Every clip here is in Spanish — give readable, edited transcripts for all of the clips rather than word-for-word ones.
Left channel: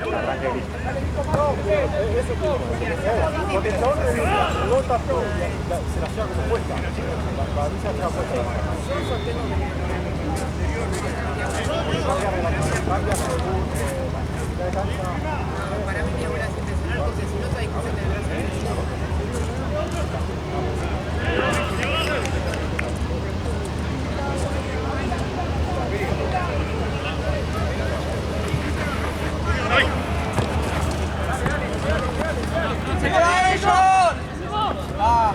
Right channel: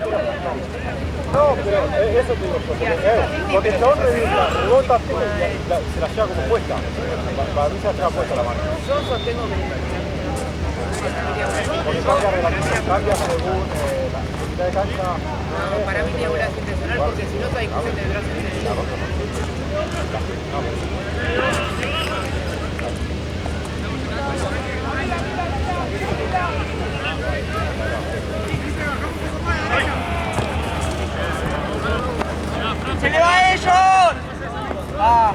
No, pero eso te digo, porque el chabón rebota, se la lleva como puesta. Para mí se la lleva puesta la mano. Yo sostengo que Porque cambia según la necesidad de cancha. no, para mí tiene bolas intencional porque si no esa discusión tendrás que ¡Se le va a ellos! ¡Ah!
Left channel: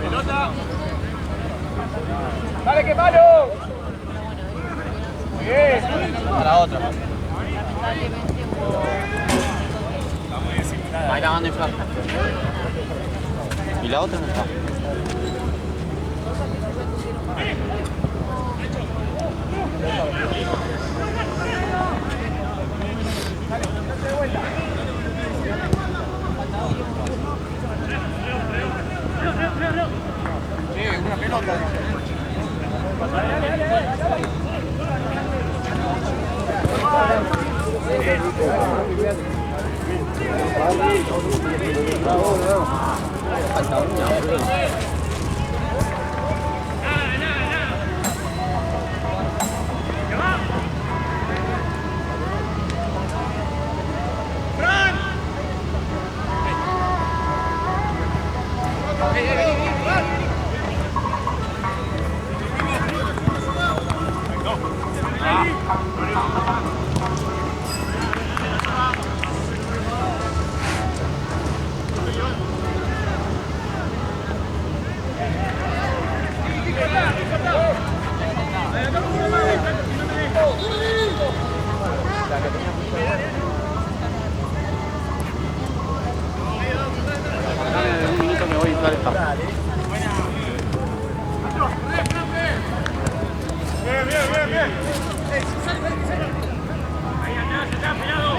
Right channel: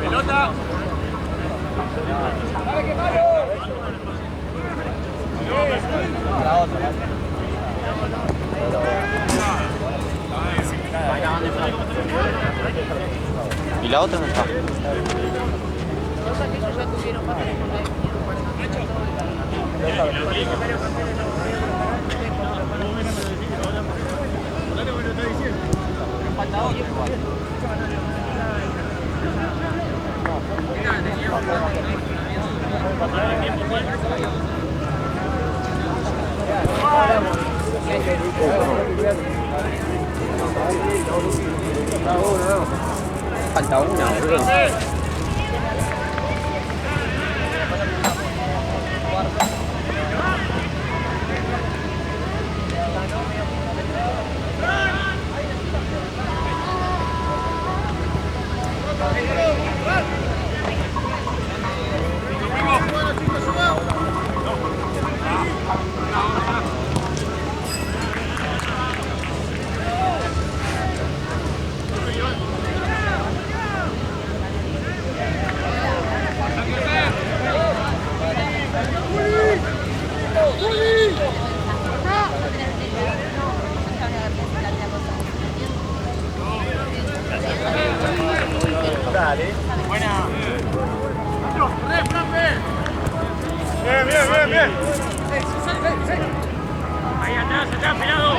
¡Pelota! ¡Dale que malo! Para otra. Ahí la manda en flaco. ¿Y la otra no está? Falta una, boludo. Bien. Ahí atrás, está pegado.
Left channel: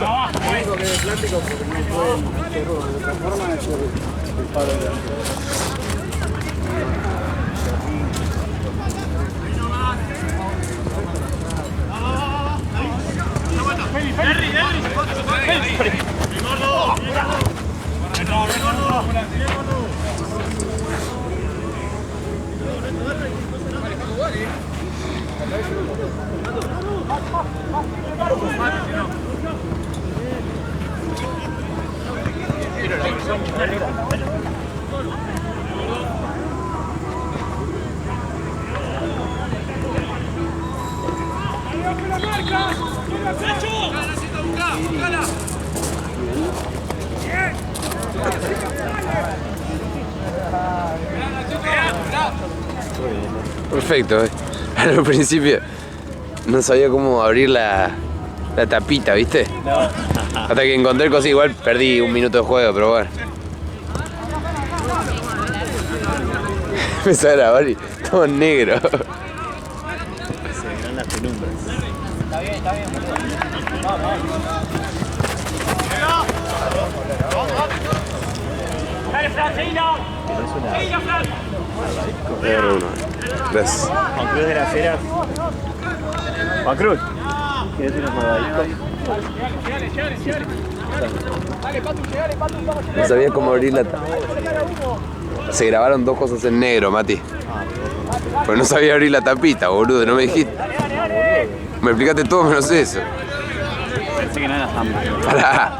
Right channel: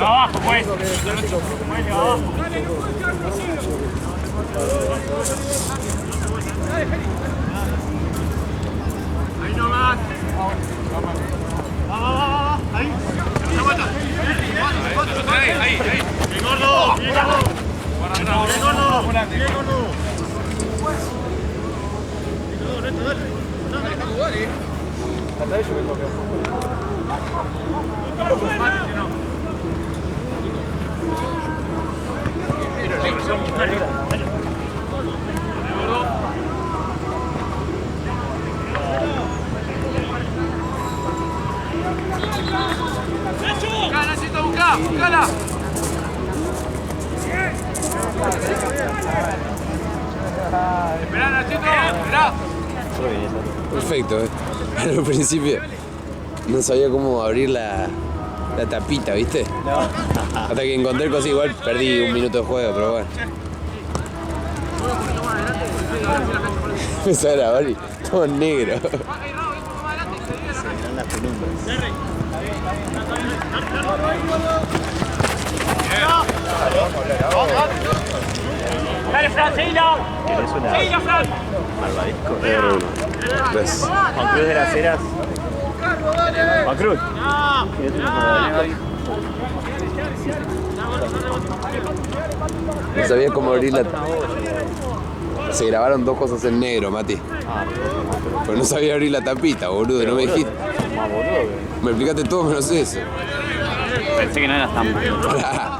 Abajo, pues. Ahí nomás. Ahí. Bien gordo. Perfecto, al principio no sabía cómo abrir la tapita, ¿viste? No. Hasta que encontré cosas igual, perdí un minuto de juego, pero bueno. empecé a grabar y todo negro. Se verán las penumbras. Dale, Fran, seguilo. ¿Querés una Seguilo, Fran. malvadisco? Gracias. Juan Cruz de las Heras. Juan Cruz. ¿Querés unos malvadiscos? No sabía cómo abrir la... Se grabaron dos cosas en negro, Mati. Pero no sabía abrir la tapita, boludo, no me dijiste. Me explicaste todo menos eso. Pensé que no eras tan... Pará.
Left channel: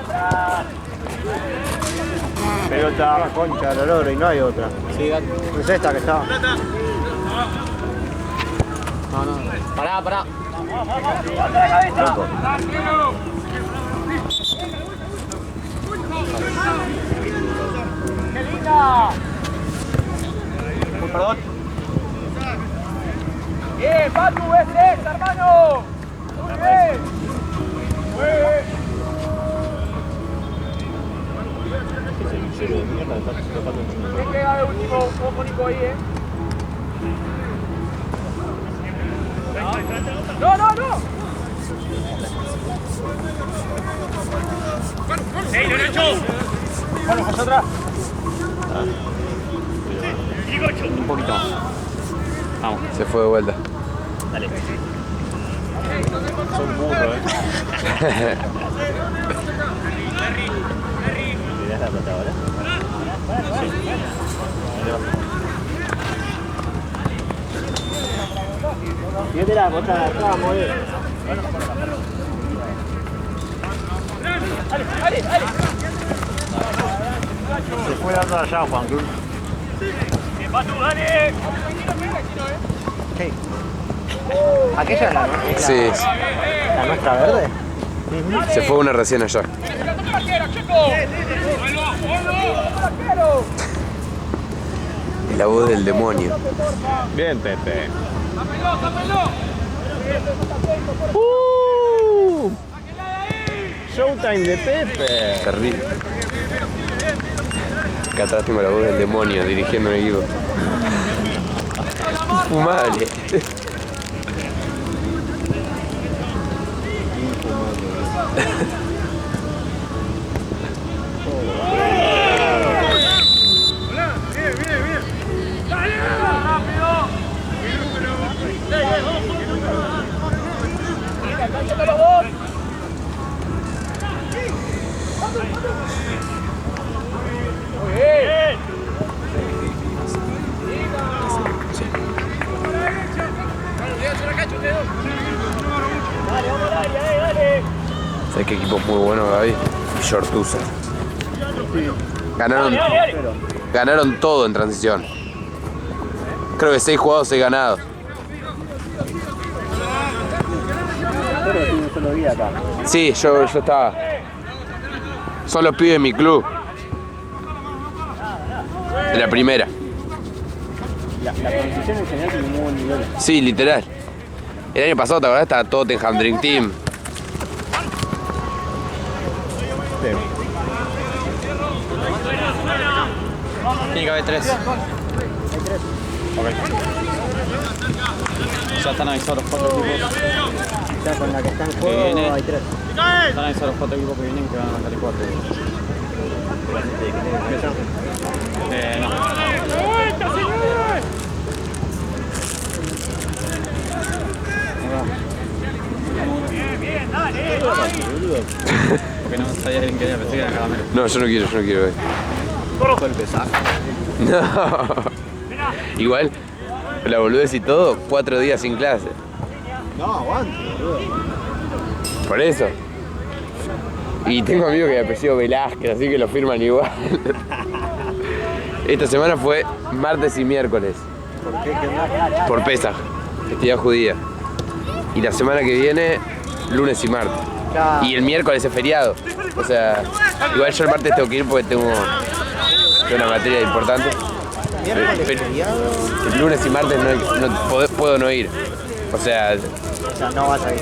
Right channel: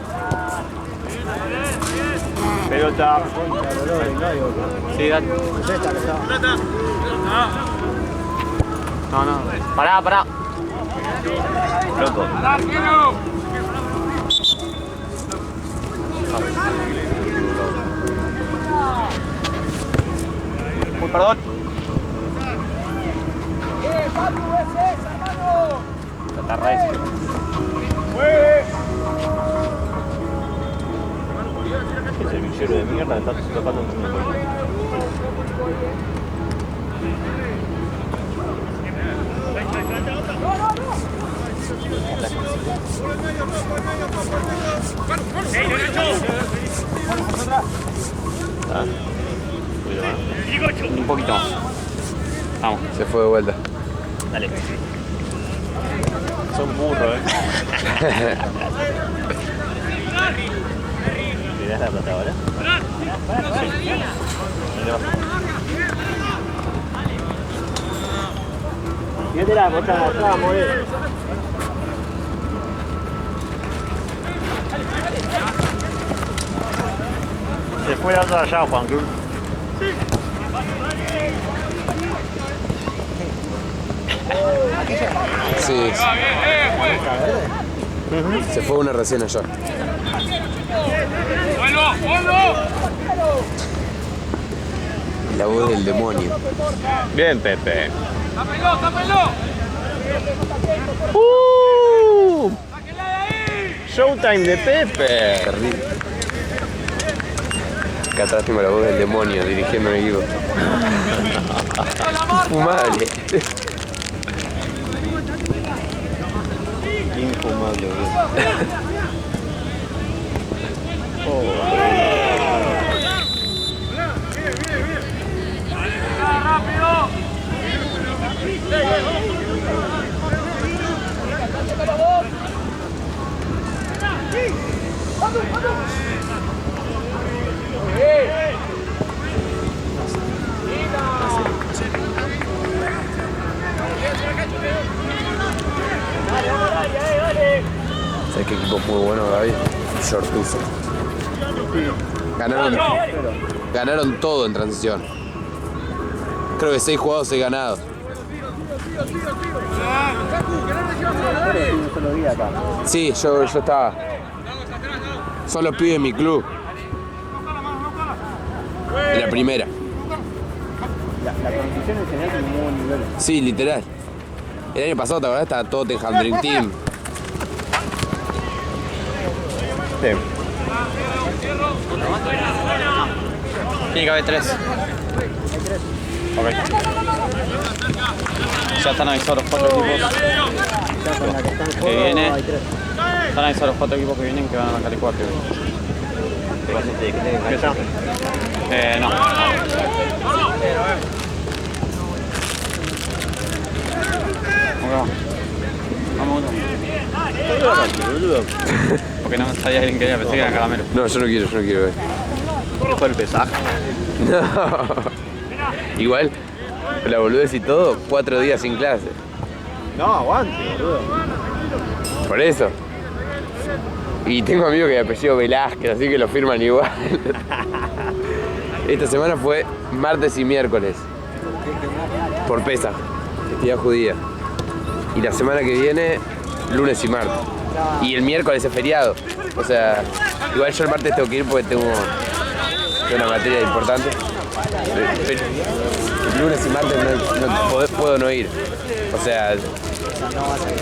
Pelota, concha, dolor y no hay otra. Sí, dale. Es esta que está. No, no. Pará, pará. Loco. Uy, perdón. Patu, es esa, hermano. Ese bichero de mierda está tocando un No, no, no. ¡Ey, derecho! Un poquito más. Vamos. Se fue de vuelta. Dale. Son burros, ¿Mirás la plata ahora? Sí. Fíjate la bota de atrás, more. Se fue dando allá, Juan Cruz. ¿Aquella es la Sí, nuestra verde? se fue una recién allá. La voz del demonio. Bien, Pepe. ¡Tápenlo, tápenlo! Showtime de Pepe. Terrible. Acá atrás tengo la voz del demonio dirigiendo un equipo. Infumable. Infumable, ¿Sabes qué equipo muy bueno, Gaby? Shortusa. Ganaron todo en transición. Creo que 6 jugados, 6 ganados. Pero un solo día acá. Sí, yo estaba. Son los pibes de mi club. De la primera. La transición en general tiene muy buen nivel. Sí, literal. El año pasado, ¿te acordás? Estaba Tottenham Dream Team. Sí. Tiene que haber 3. Ok. Ya están avisados los 4 equipos Ya con la que está en que juego viene. hay 3. Están avisados los 4 equipos que vienen que van a la Cali 4. No. Vamos uno. Porque no sabía alguien que quería, pensé que era caramelo. No, yo no quiero ver. Rojo el pesaje. No. Igual, la boludez y todo, 4 días sin clase. No, aguante, boludo. Por eso. Y tengo amigos que de apellido Velázquez, así que lo firman igual. Esta semana fue martes y miércoles. ¿Por qué? ¿Qué onda? Por Pesaj, festividad judía. Y la semana que viene, lunes y martes. Y el miércoles es feriado. O sea, igual yo el martes tengo que ir porque tengo una materia importante. Pero el lunes y martes puedo no ir. O sea, No vas a ir.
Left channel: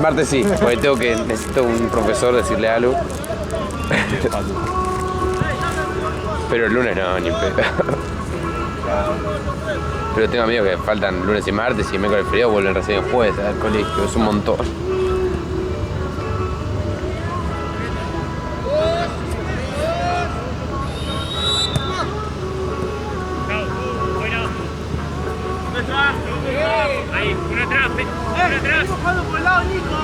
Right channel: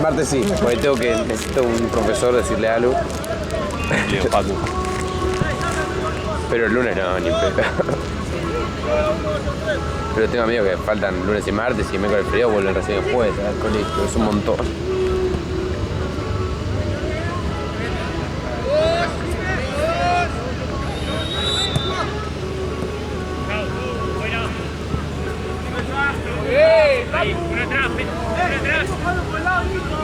martes sí, porque necesito un profesor decirle algo. Pero el lunes no, ni pedo. Pero tengo amigos que faltan lunes y martes y miércoles frío vuelven recién el jueves al colegio. Es un montón. Ahí, uno atrás, uno atrás. Por el lado, Nico.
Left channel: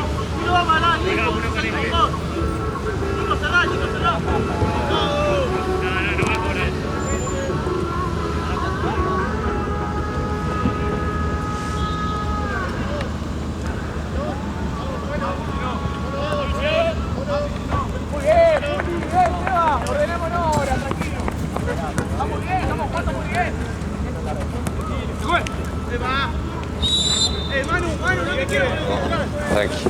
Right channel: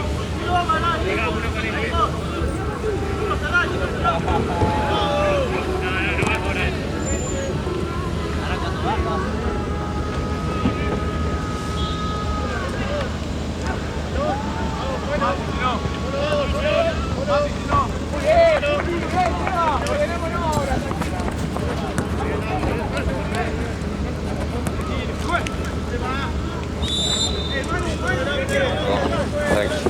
No va a malar, Nico. Llega uno con el pie. Nico, cerrá, Nico, cerrá. No va a cobrar. Muy bien, Seba. Ordenemos en hora, tranquilo. Vamos bien, muy bien. Tranqui.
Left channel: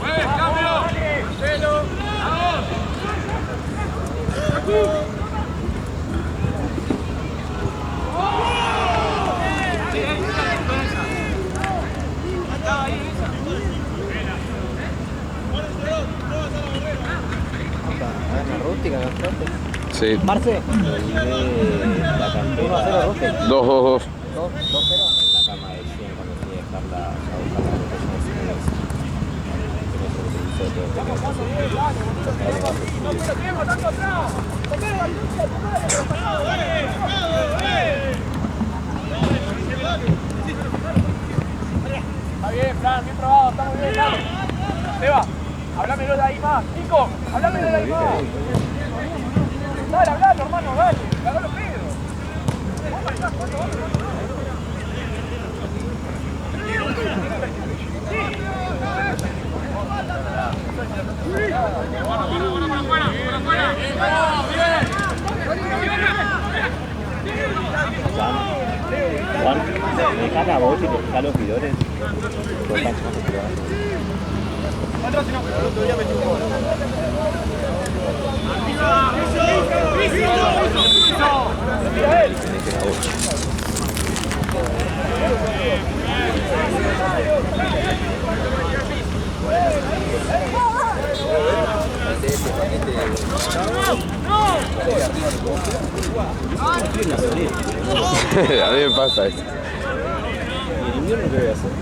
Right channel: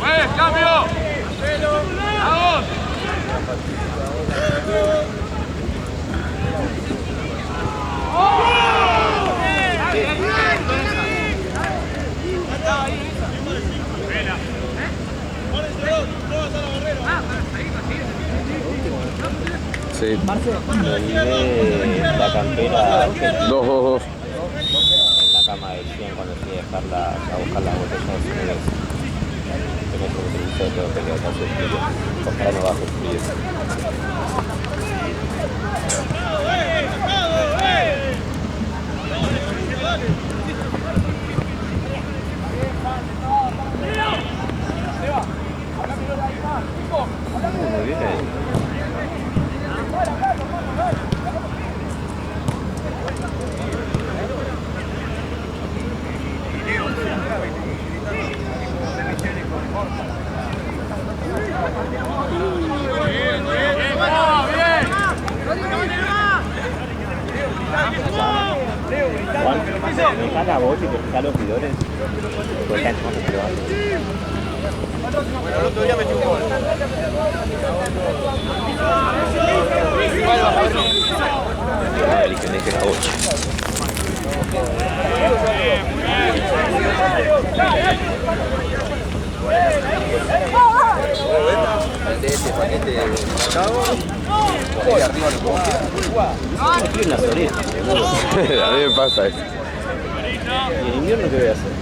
Juez, cambio. Vamos. Sí. Marce, la campera 2-2-2. en la cama de 100 cuando fui a dejarla, a buscar la botella de cerveza. Que no se utilizó, tengo que quedar con su frío. Ojalá no baje frío. Está bien, Fran, bien trabado, estamos bien. Seba, háblamelo de ahí más. Nico, háblamelo de ahí más. Dale, hablalo, hermano, dale. Hablalo, Pedro. Juan, me dejas la voz y te fijas los bidores. Pues cancha más privada. A mí me pasa eso. ¿Y el invierno qué voy a hacer?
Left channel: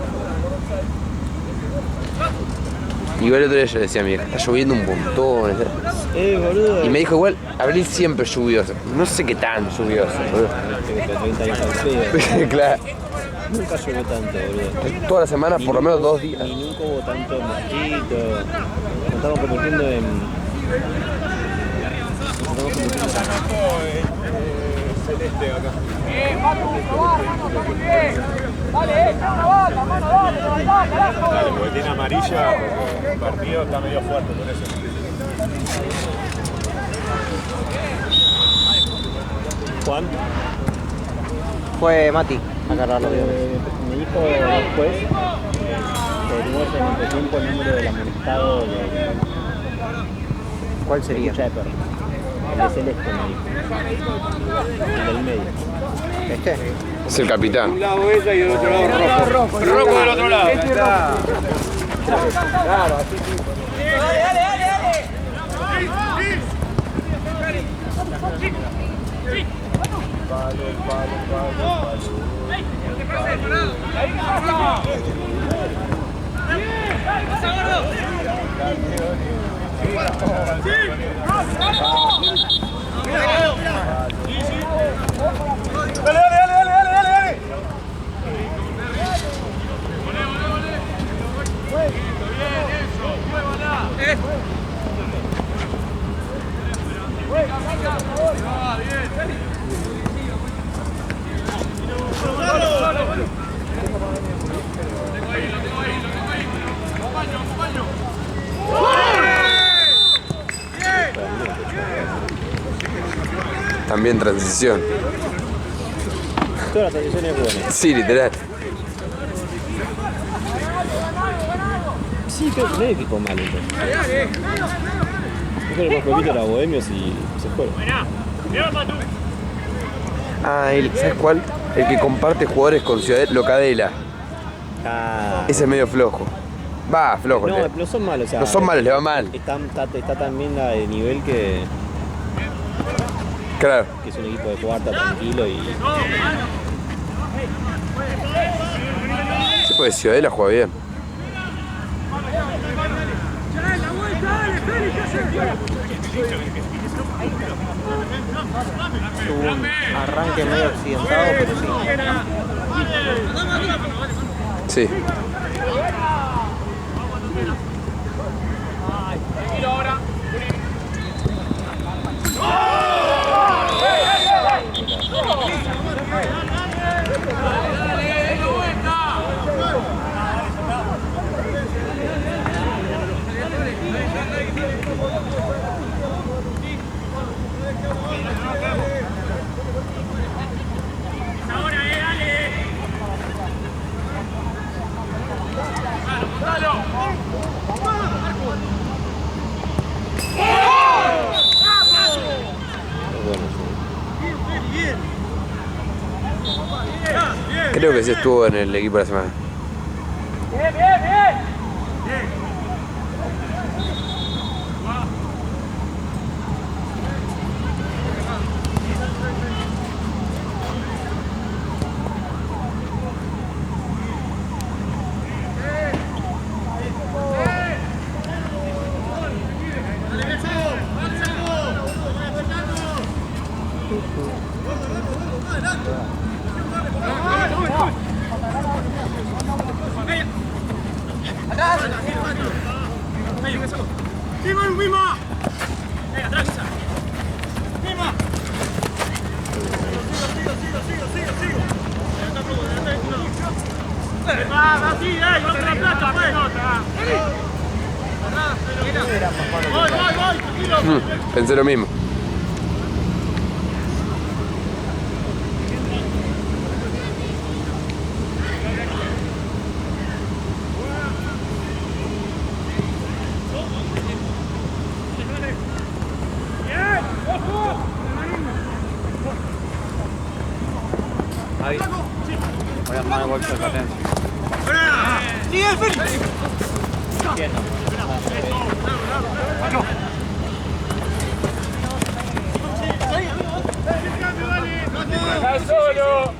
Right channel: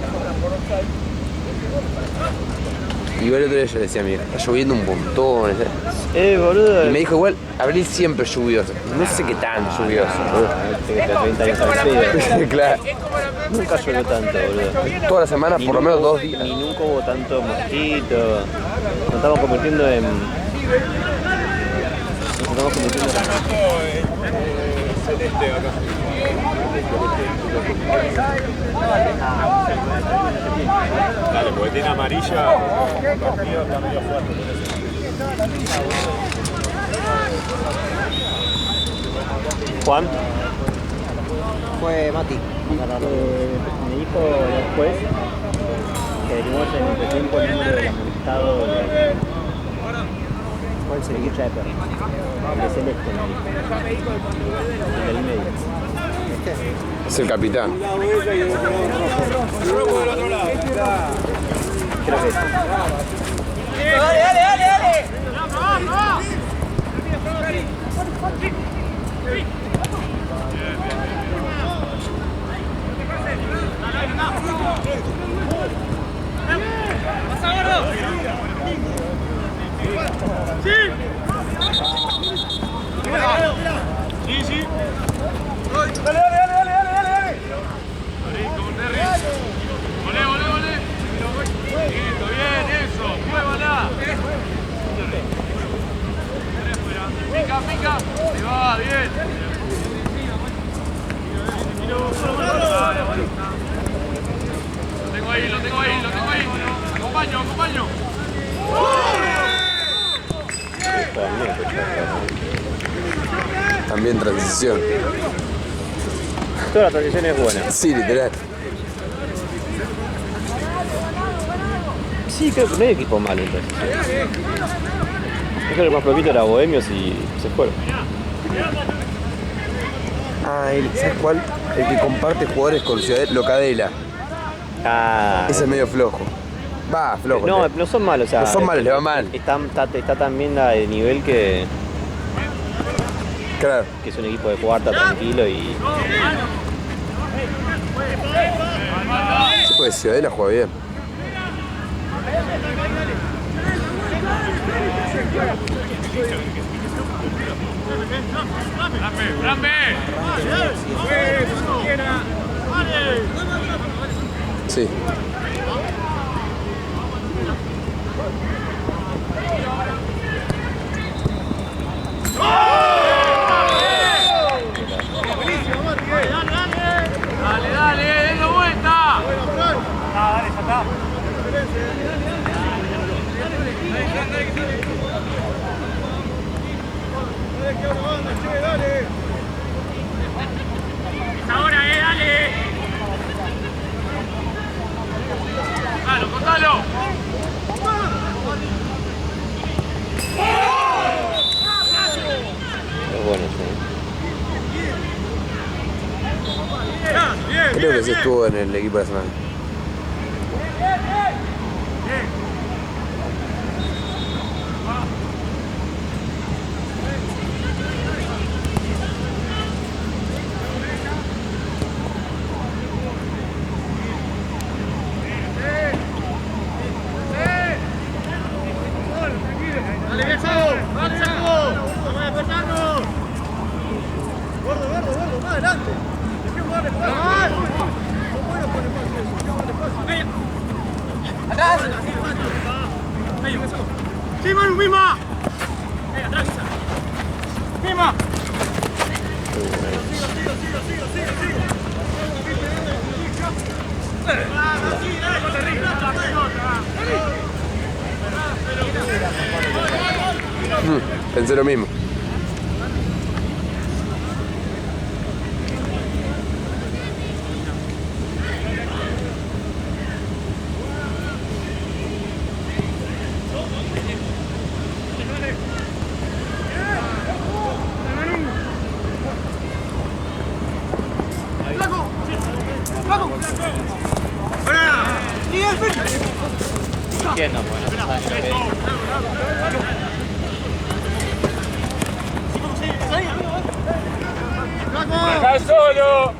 Igual el otro día yo le decía a mi hija, está lloviendo un montón. Boludo. Y me dijo igual, abril siempre es lluvioso. No sé qué tan lluvioso, boludo. Este que 30 años al frío. Claro. Nunca llovió tanto, boludo. Toda la semana, por lo menos 2 días. Ni nunca hubo tanto mosquito. Nos estamos convirtiendo en... Celeste acá. Dale, porque tiene amarilla, el partido está medio fuerte por eso. Juan. Fue Mati. Me dijo después que averiguó en este tiempo el número del amonestado de... ¿Cuál sería? Escucha de perro. El de Celeste me dijo. El del medio. ¿Este? Es el capitán. lado ella y del otro lado rojo. Rojo del otro lado. Creo que es. Dale. Dale. Listo, bien, eso. Muévala. Pica. Se va, bien. Lo tengo ahí. Acompaño. También transición. Toda la transición es buena. Sí, literal. Sí, creo que no hay equipo malo entonces. Yo creo que más poquito era Bohemios y se fueron. Ah, ¿sabes cuál? El que comparte jugadores con Ciudad Locadela. Ah. Ese es medio flojo. Va, flojo. No son malos, o sea, No son malos, le va mal. Está tan bien de nivel que Claro. Que es un equipo de cuarta tranquilo y Sí, pues Ciudadela juega bien. Arranque medio accidentado. Sí. Dale, denle vuelta. Ahora, dale. Contalo, contalo. es bueno. Sí. Creo que sí estuvo en el equipo de la semana. Pensé lo mismo. ¡Está solo!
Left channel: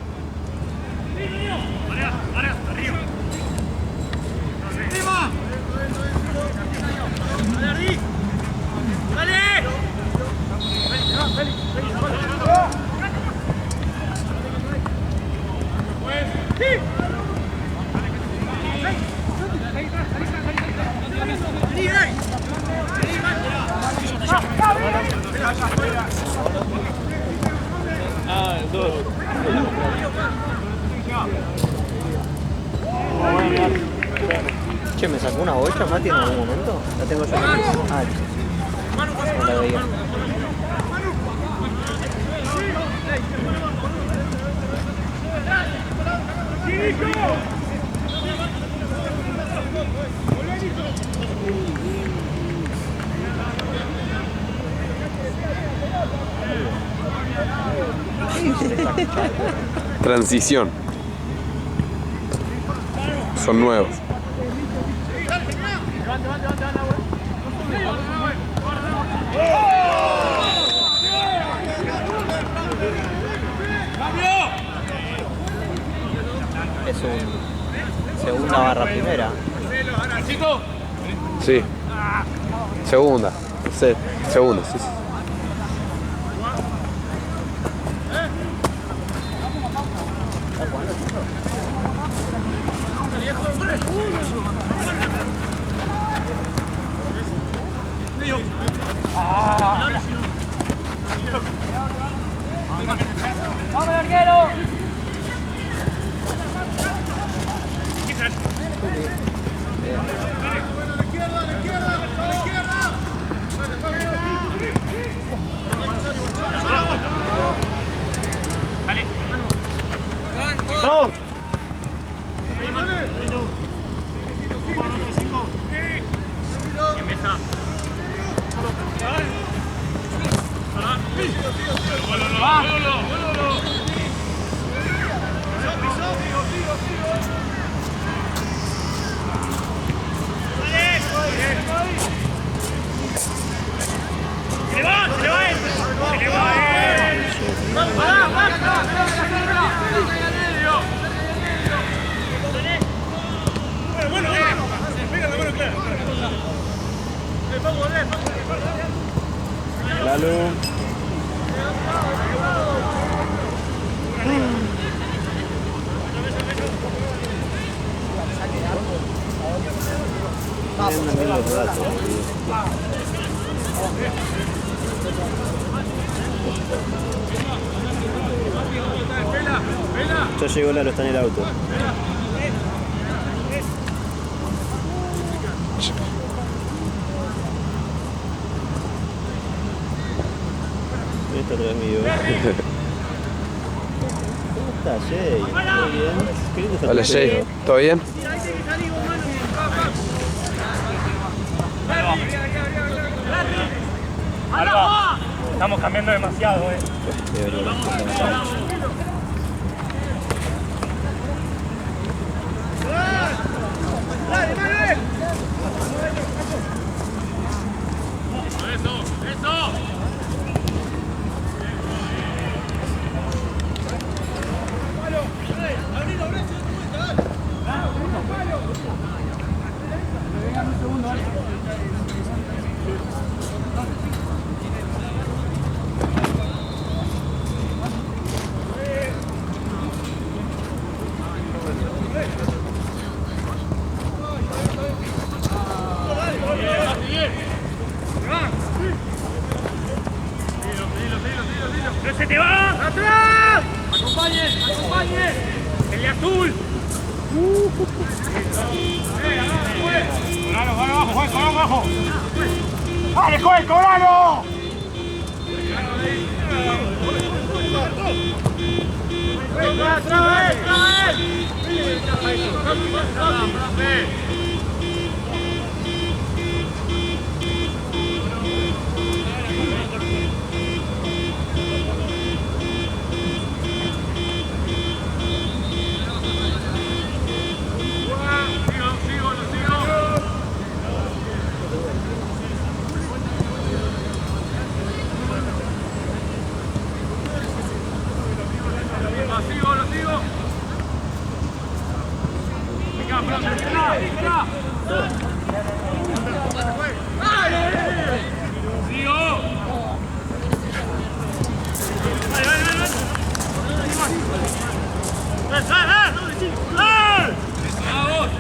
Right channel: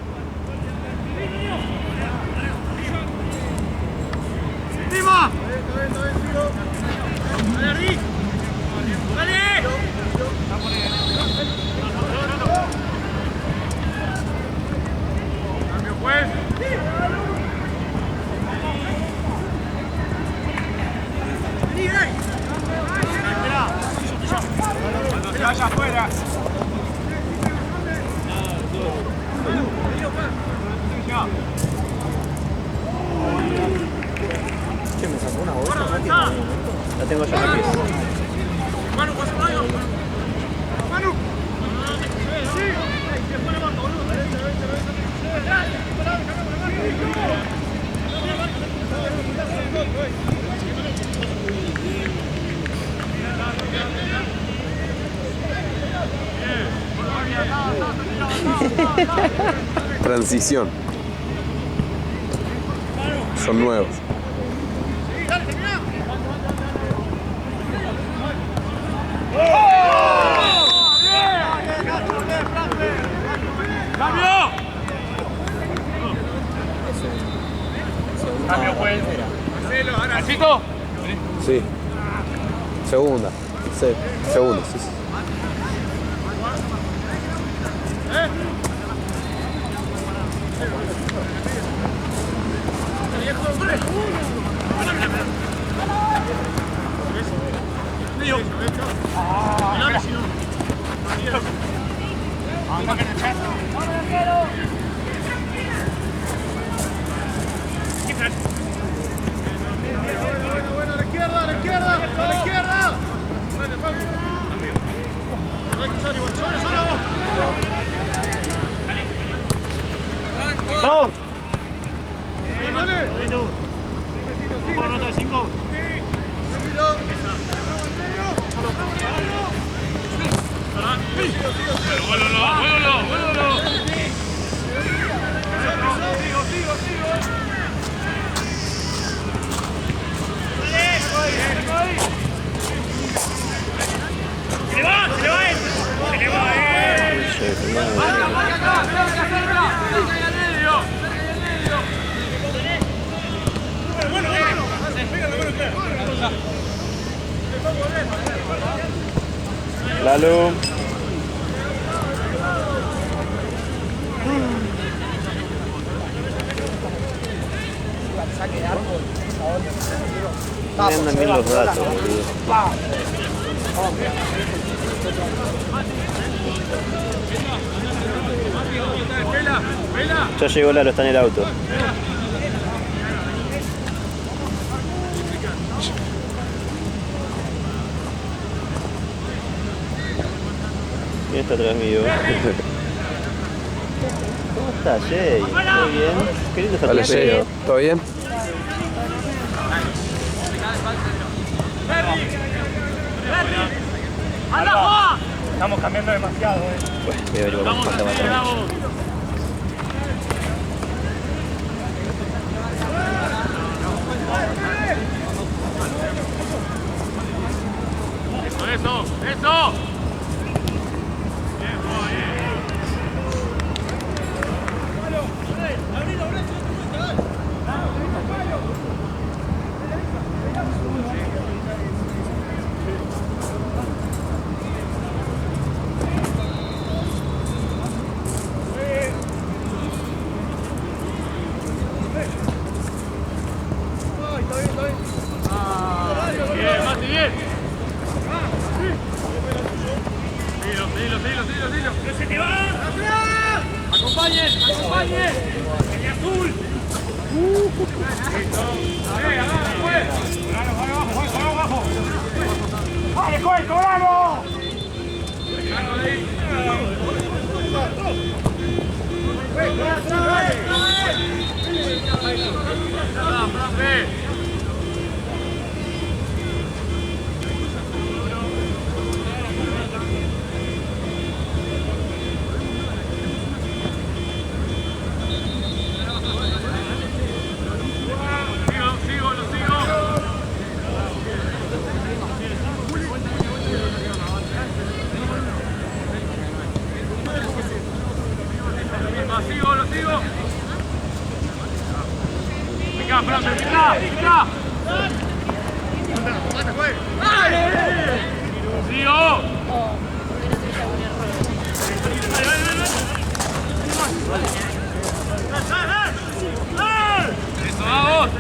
Che, ¿me sacó una bolsa, Mati, en algún momento? La tengo yo aquí. Transición. Son nuevos. Es un segunda barra primera. Sí. Segunda. Sí. Segunda, sí, sí. ¡Se le va! ¡Se le va! Lalo. Me andan bien los datos, boludo. Ya llegó Lalo, está en el auto. Está atrás mío. ¿Cómo estás, Jay? ¿Todo bien? Qué lindo está tu Hola, Jay. pelo. ¿Todo bien? ¡Alba! Estamos cambiando demasiado, Voy a averiguar cuánta batalla. ¡Eso! ¡Eso! ¡No se te va! ¡Atrás! ¡Acompañen! ¡Acompañen! ¡El de azul! ¡Abajo! ¡Dale, Joel, cobralo! Lo sigo. Venga, Fran, venga. Sigo. Eso, vamos.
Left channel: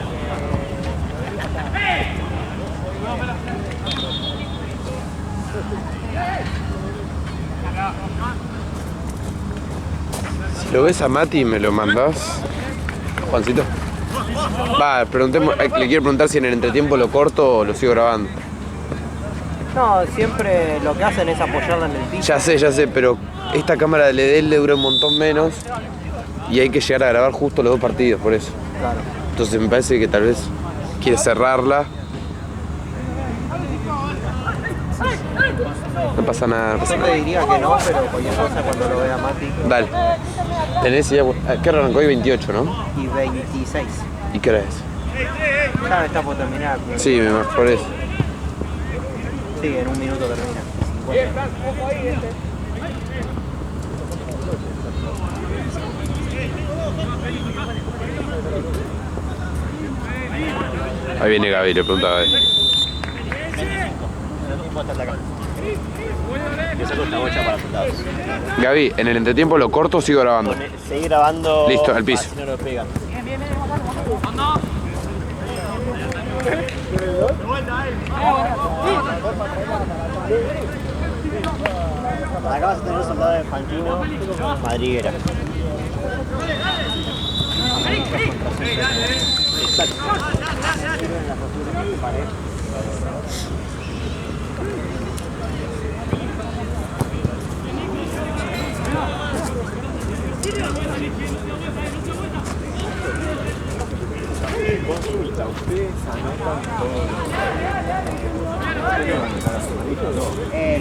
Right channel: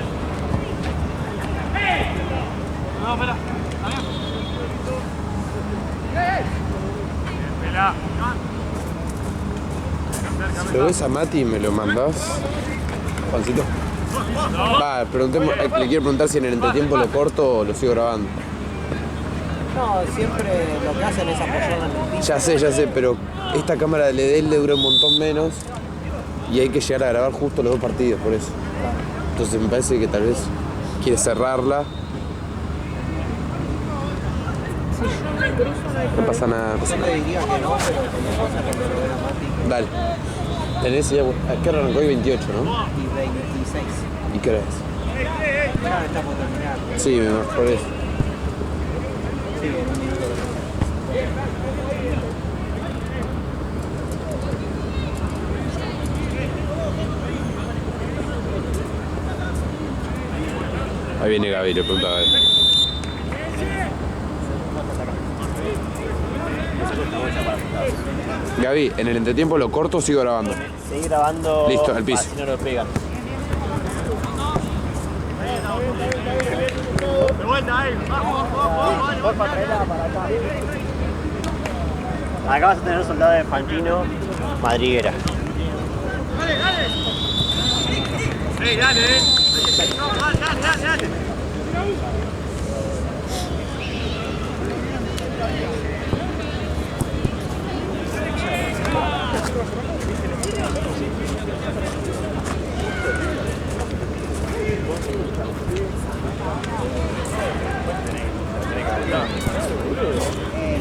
Si lo ves a Mati, ¿me lo mandás? Juancito. Va, preguntemos, le quiero preguntar si en el entretiempo lo corto o lo sigo grabando. No, siempre lo que hacen es apoyarla en el piso. Ya sé, pero esta cámara de LED le dura un montón menos y hay que llegar a grabar justo los dos partidos, por eso. Claro. Entonces me parece que tal vez quiere cerrarla. No pasa nada, no pasa Yo nada. te diría que no, pero cualquier cosa cuando lo vea Mati. Dale. Tenés ya. ¿Qué hora arrancó hoy? 28, ¿no? Y 26. ¿Y qué hora es? Ya está por terminar. Sí, por eso. Sí, en un minuto termina. Ahí viene Gaby, le pregunta a Gaby. Gaby, ¿en el entretiempo lo corto o sigo grabando? Seguí grabando. Listo, al piso. Si no lo pegan. Acá vas a tener un soldado de Fantino, madriguera.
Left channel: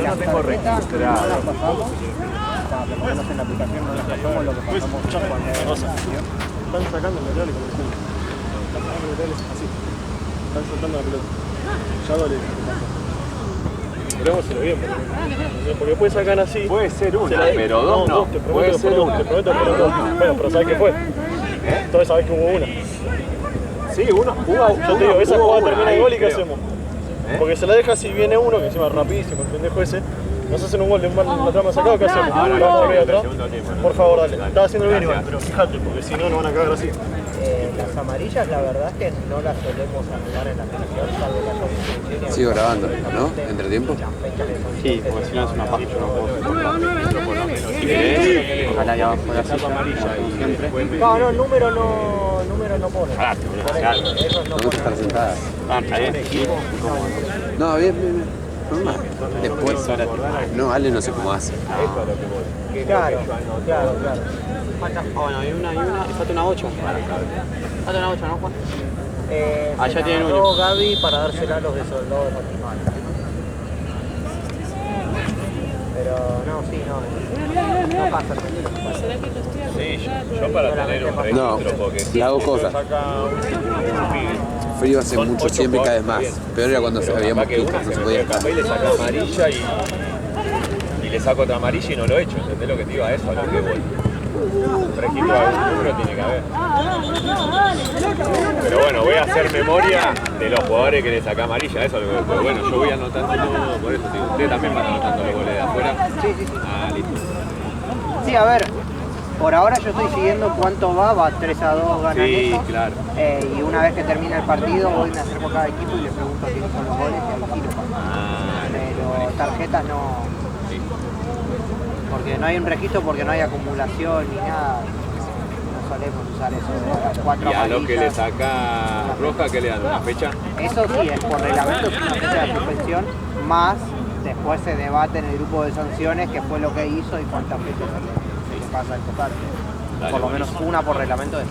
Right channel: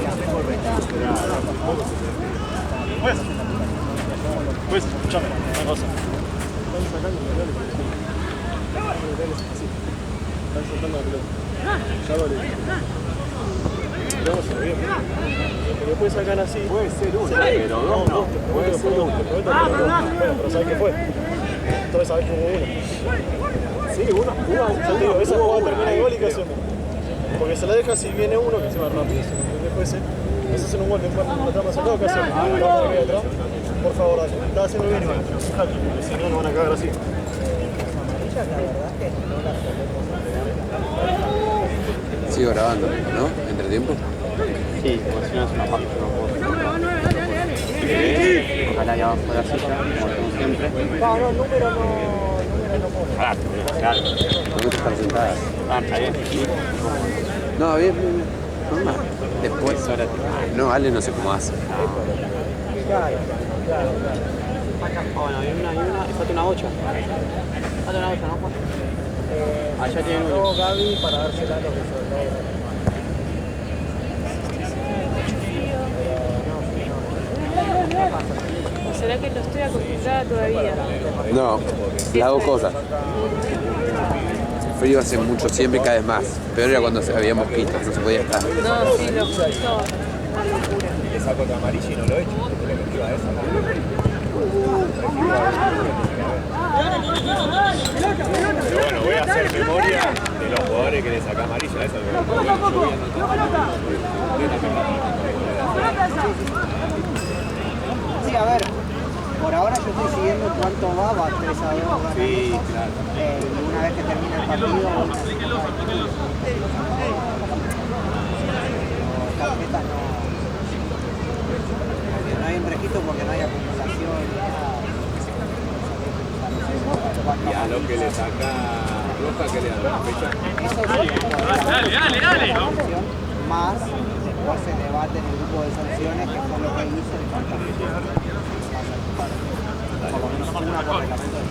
La tengo registrada. Pues, escuchame, una cosa. Están sacando materiales así. Están soltando la pelota. Ya vale. Veremos si lo bien. Porque puede sacar así. Puede ser uno, pero dos no. Puede ser uno. Te prometo que no. Bueno, pero ¿sabes qué fue? Entonces sabés que hubo una. Sí, uno. Yo te digo, esa jugada termina de gol y ¿qué hacemos? Porque se la deja si viene uno, que encima es rapidísimo, el pendejo ese. Nos hacen un gol de la trama sacado, ¿qué hacemos? Por favor, dale. Estaba haciendo bien, Iván, pero fíjate, porque si no, nos van a cagar así. Las amarillas, la verdad es que no las solemos arreglar en la cancha. Sigo grabando, ¿no? ¿Entre tiempo? Sí, porque si no es una paja, yo no puedo. Si querés, ojalá ya abajo de la silla, como hacemos siempre. No, número no pone. ¿Dónde están sentadas? ¿Está bien? Sí. No, bien. Normal. Después. No, Ale no sé cómo hace. Claro. Bueno, hay una, y falta una 8. Falta una 8, ¿no, Juan? Ya tienen uno. Gaby para dársela a los de soldados. Pero no pasa. ¿Será que no estoy acostumbrada todavía? No, las dos cosas. El frío hace mucho siempre y cada vez más. Peor era cuando había mosquitos, no se podía estar. Y le saco otra amarilla y no lo echo. ¿Entendés lo que te iba a eso? Un fresquito alguno tiene que haber. Pero bueno, voy a hacer memoria de los jugadores que le saca amarilla. Eso es lo que bueno, yo voy anotando por eso. Si usted también va anotando los goles de afuera. Sí, a ver. Por ahora yo estoy siguiendo cuánto va 3-2 ganan Sí, esos. claro. Y una vez que termina el partido voy a hacer por cada equipo y le pregunto si son los goles y al equipo. Pero tarjetas no. Porque no hay un registro, porque no hay acumulación ni nada. No solemos usar eso. Y a lo que le saca roja, ¿qué le dan? ¿Una fecha? Eso sí, es por reglamento de la competición, más después se debate en el grupo de sanciones qué fue lo que hizo y cuántas veces pasa a tocar. Por lo menos una por reglamento de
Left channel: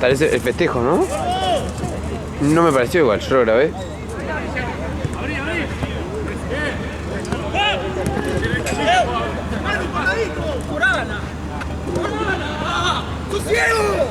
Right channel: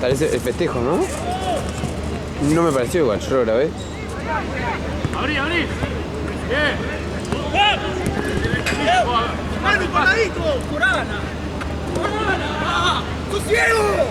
Parece el festejo, ¿no? No me pareció igual, yo lo grabé. Abrí, abrí. ¡Manu, paradito! ¡Corana! ¡Corana! ¡Tu ciego!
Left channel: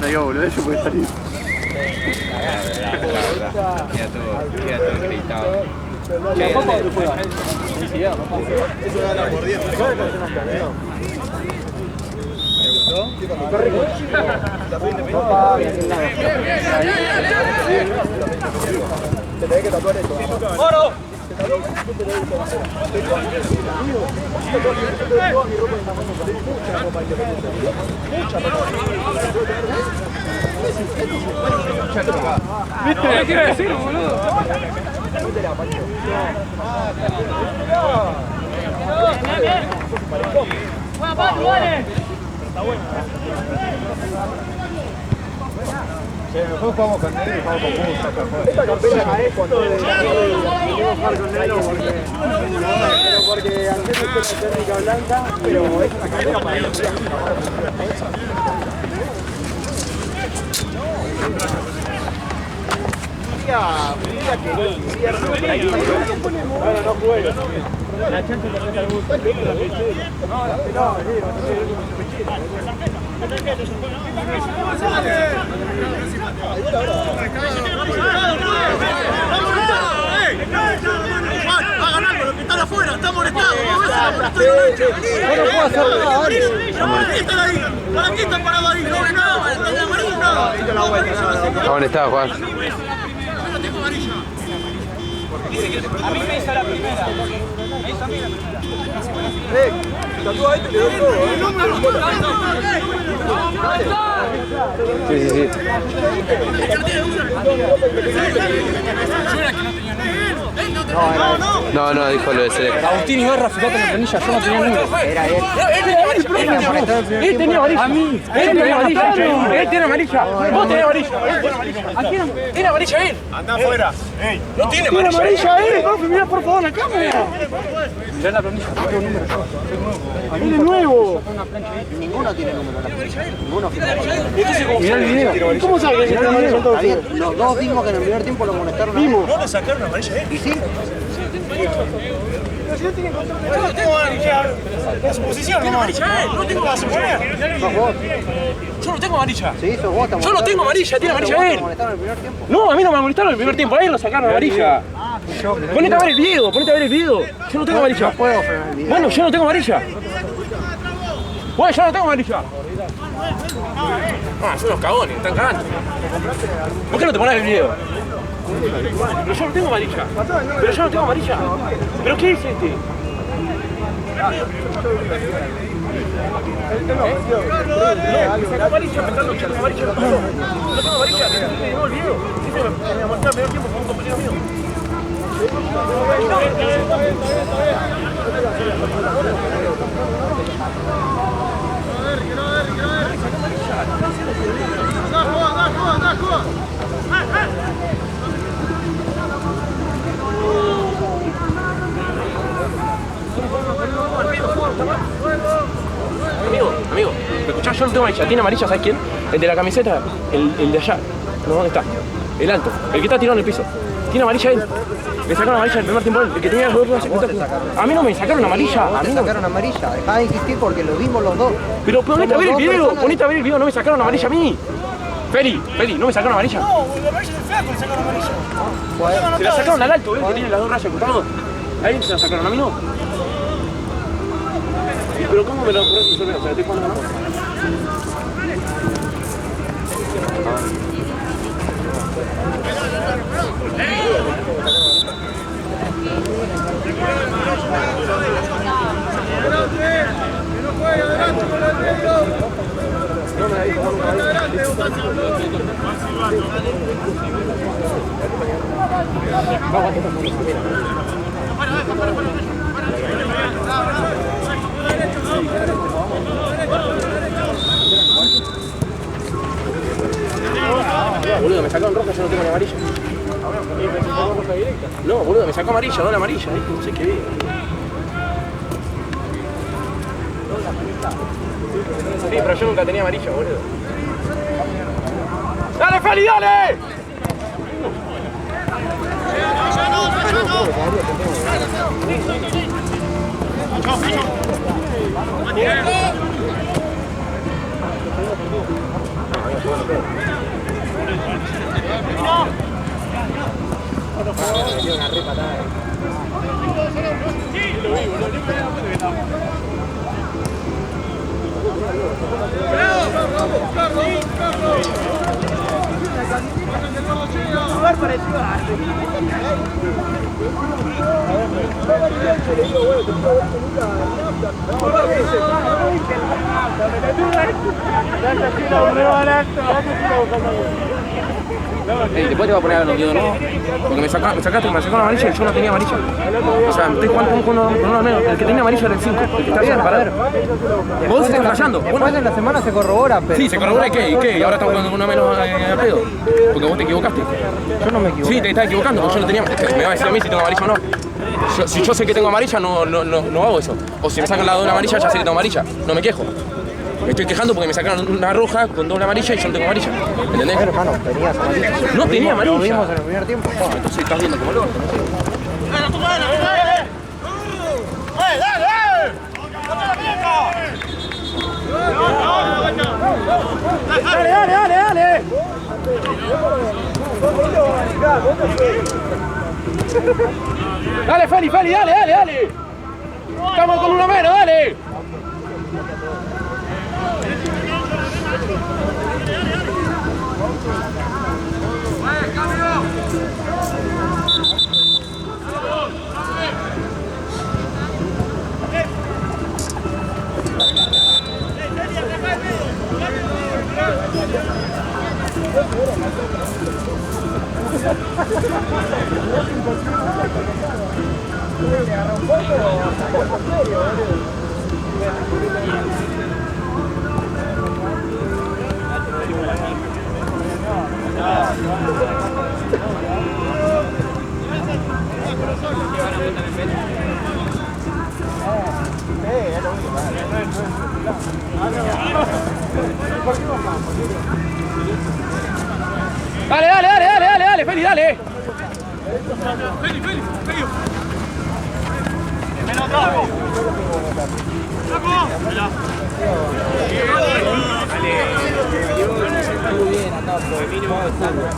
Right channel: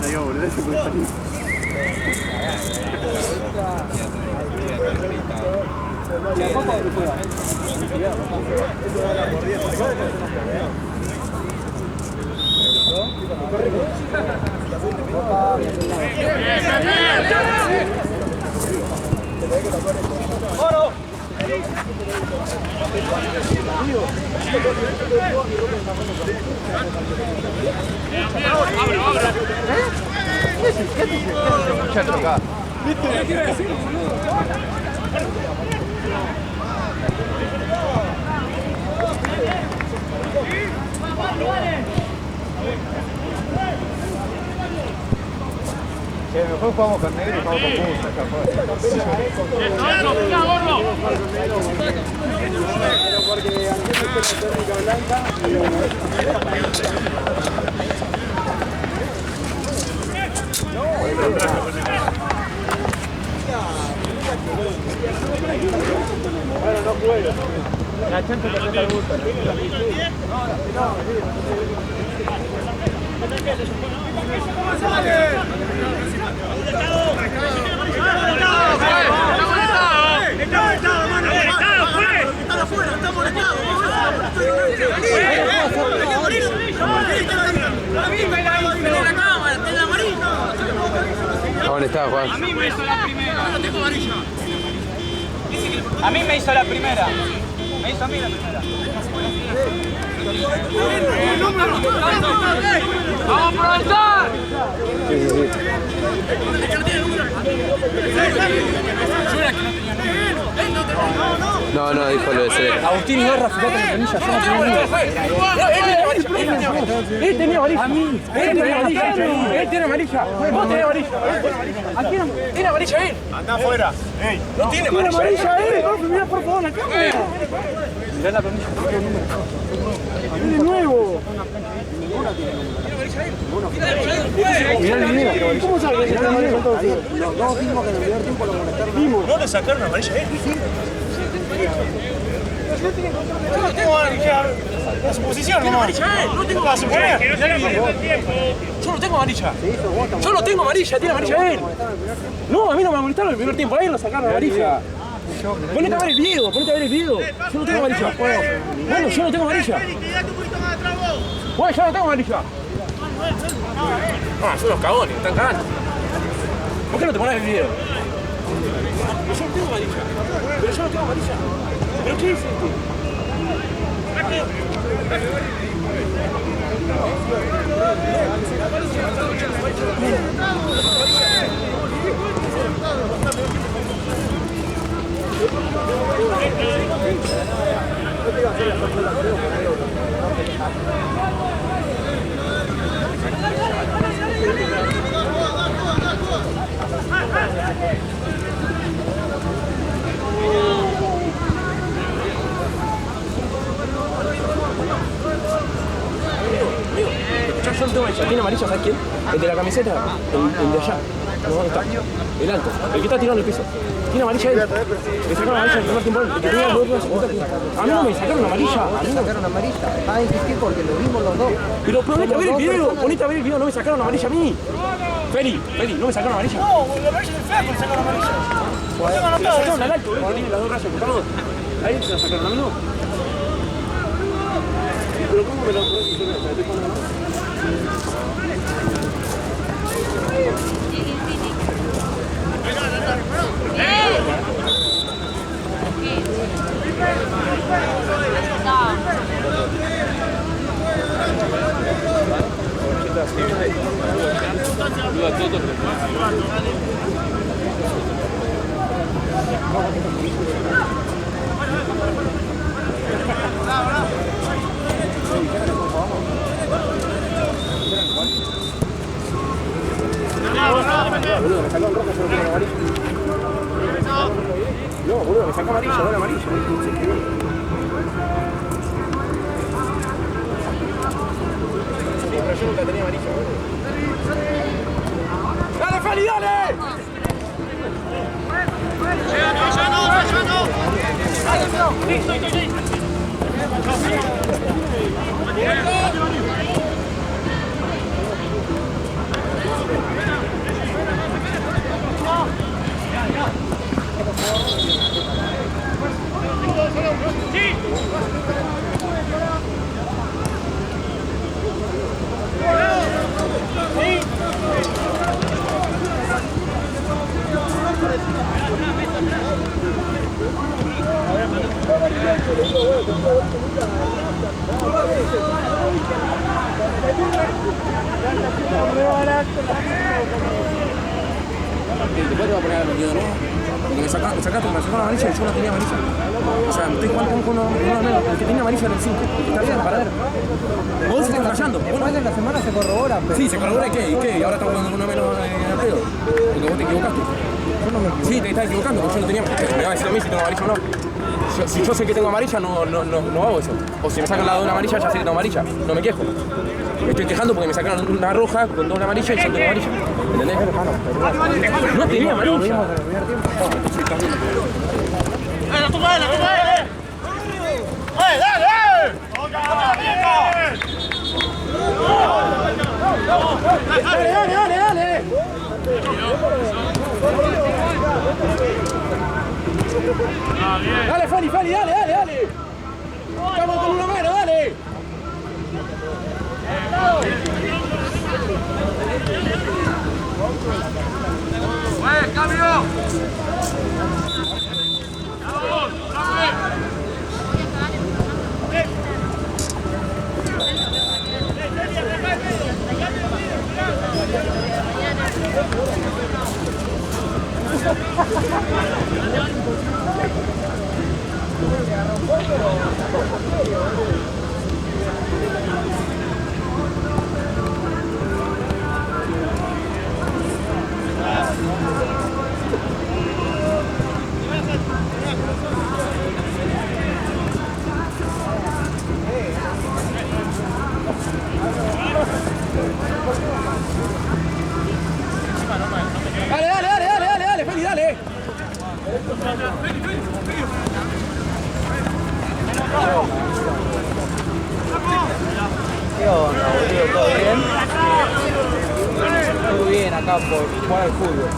No digo boludo, eso puede salir. Queda todo gritado. ¡Oro! ¿Viste? ¿Qué quiere decir, boludo? Mejor jugamos con negro y jugamos con Musa. Porque antes de la técnica blanca, pero como es bueno, no juego. La chance que te gusta. ¡Están afuera! ¡Están molestados! ¿Dónde estaba, Juan? A mí me hizo la primera. Me hizo a mí la primera. Sí, sí, sí. No, no, dijo lo de Celeste. Agustín y Gorra, fíjate en la planilla, yo no tenía número. Él tenía amarilla. A mí. Él tenía amarilla. Él tiene amarilla. Vos tenés amarilla. ¿A quién? ¿Tiene amarilla él? Anda afuera. Ey, No tiene amarilla él. Mirá por favor la cámara. Mirá la planilla, no tengo número. ¡Es de nuevo! Ninguno tiene número. Ninguno. Mirá el video. ¿Cómo sabes que está amarilla? Los dos vimos que en el primer tiempo lo molestaron. ¿no le sacaron amarilla a él? Y sí. Yo no tengo amarilla. En su posición, ¿no? amarilla él, no tengo amarilla. Yo no tengo amarilla. Sí, sos vos. Yo no tengo amarilla, tiene amarilla él. No, a mí no me molestaron en el primer tiempo, a él lo sacaron amarilla. Ponete a ver el video, ponete a ver el video. Yo no tengo amarilla. Bueno, yo no tengo amarilla. Bueno, yo no tengo amarilla. Ah, son los cagones, están cagando. ¿Por qué no te pones el video? Pero yo no tengo amarilla. Pero yo no tengo amarilla. ¿Pero qué es este? escuchá, yo no tengo amarilla. ¿Tiene amarilla, sabes quién? El de la camiseta, el de allá. No, ¿dónde está? El alto, el que está tirado en el piso. Tiene amarilla él. Le sacaron amarilla en el primer tiempo, el que tenía los dos. A mí no me sacaron amarilla. A mí Te no. sacaron amarilla, dejá de insistir porque lo vimos los dos. Pero ponete a ver el Somos dos video, personas. ponete a ver el video, no me sacaron amarilla a mí. Feli, no me sacaron amarilla. No, la amarilla del flaco le sacaron amarilla. Se la sacaron al alto, que tiene las dos rayas cruzadas. Ahí se la sacaron, a mí no. Pero ¿cómo me lo pones yo? O sea, estoy jugando, ¿no? Boludo, me sacaron roja, yo no tengo la amarilla. No, boludo, me sacó amarilla, no la amarilla. No sé qué vi. Sí, pero yo nunca tenía amarilla, boludo. ¡Dale, Feli, dale! Después te va a poner a los videos, ¿no? Porque me sacaron amarilla y yo no tenía amarilla. O sea, estoy jugando con uno menos. El que tenía amarilla era el 5, el que está bien parado. Vos estás fallando. Después de la semana se corrobora, pero... Sí, se corrobora y qué, y ahora estás jugando con uno menos al pedo. Porque vos te equivocaste. Yo no me equivoco. Sí, te estás equivocando, porque yo no tenía. Me va a decir a mí si tengo amarilla o no. Si yo sé que tengo amarilla, no hago eso. O si me sacan la doble amarilla, ya sé que tengo amarilla. No me quejo. Me estoy quejando porque me sacaron una roja con doble amarilla y yo no tengo amarilla. ¿Entendés? Pero, hermano, tenías amarilla. No tenía Lo amarilla. vimos en el primer tiempo. Entonces estás viendo como loco. ¡Dale! Dale, Feli, dale. Estamos con uno menos, dale. Dale, Feli, dale. Muy bien acá por jugar al fútbol.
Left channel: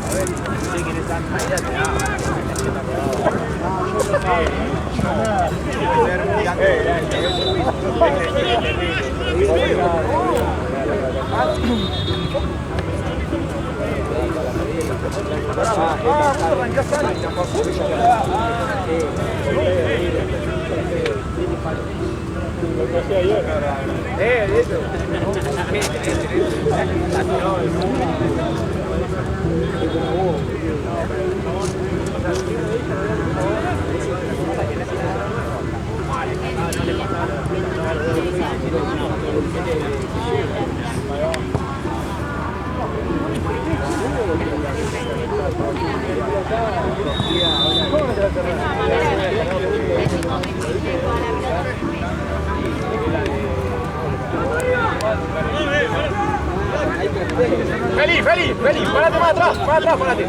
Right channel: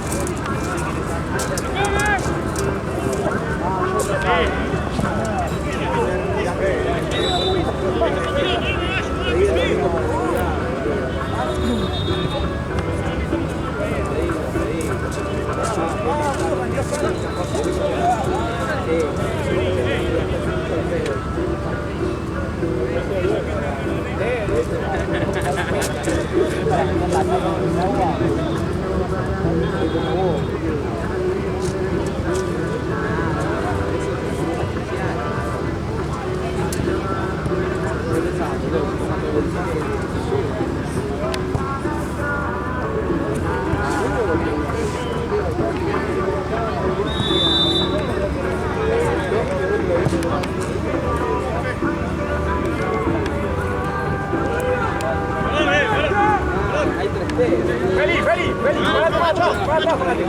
Feli, parate más atrás, parate.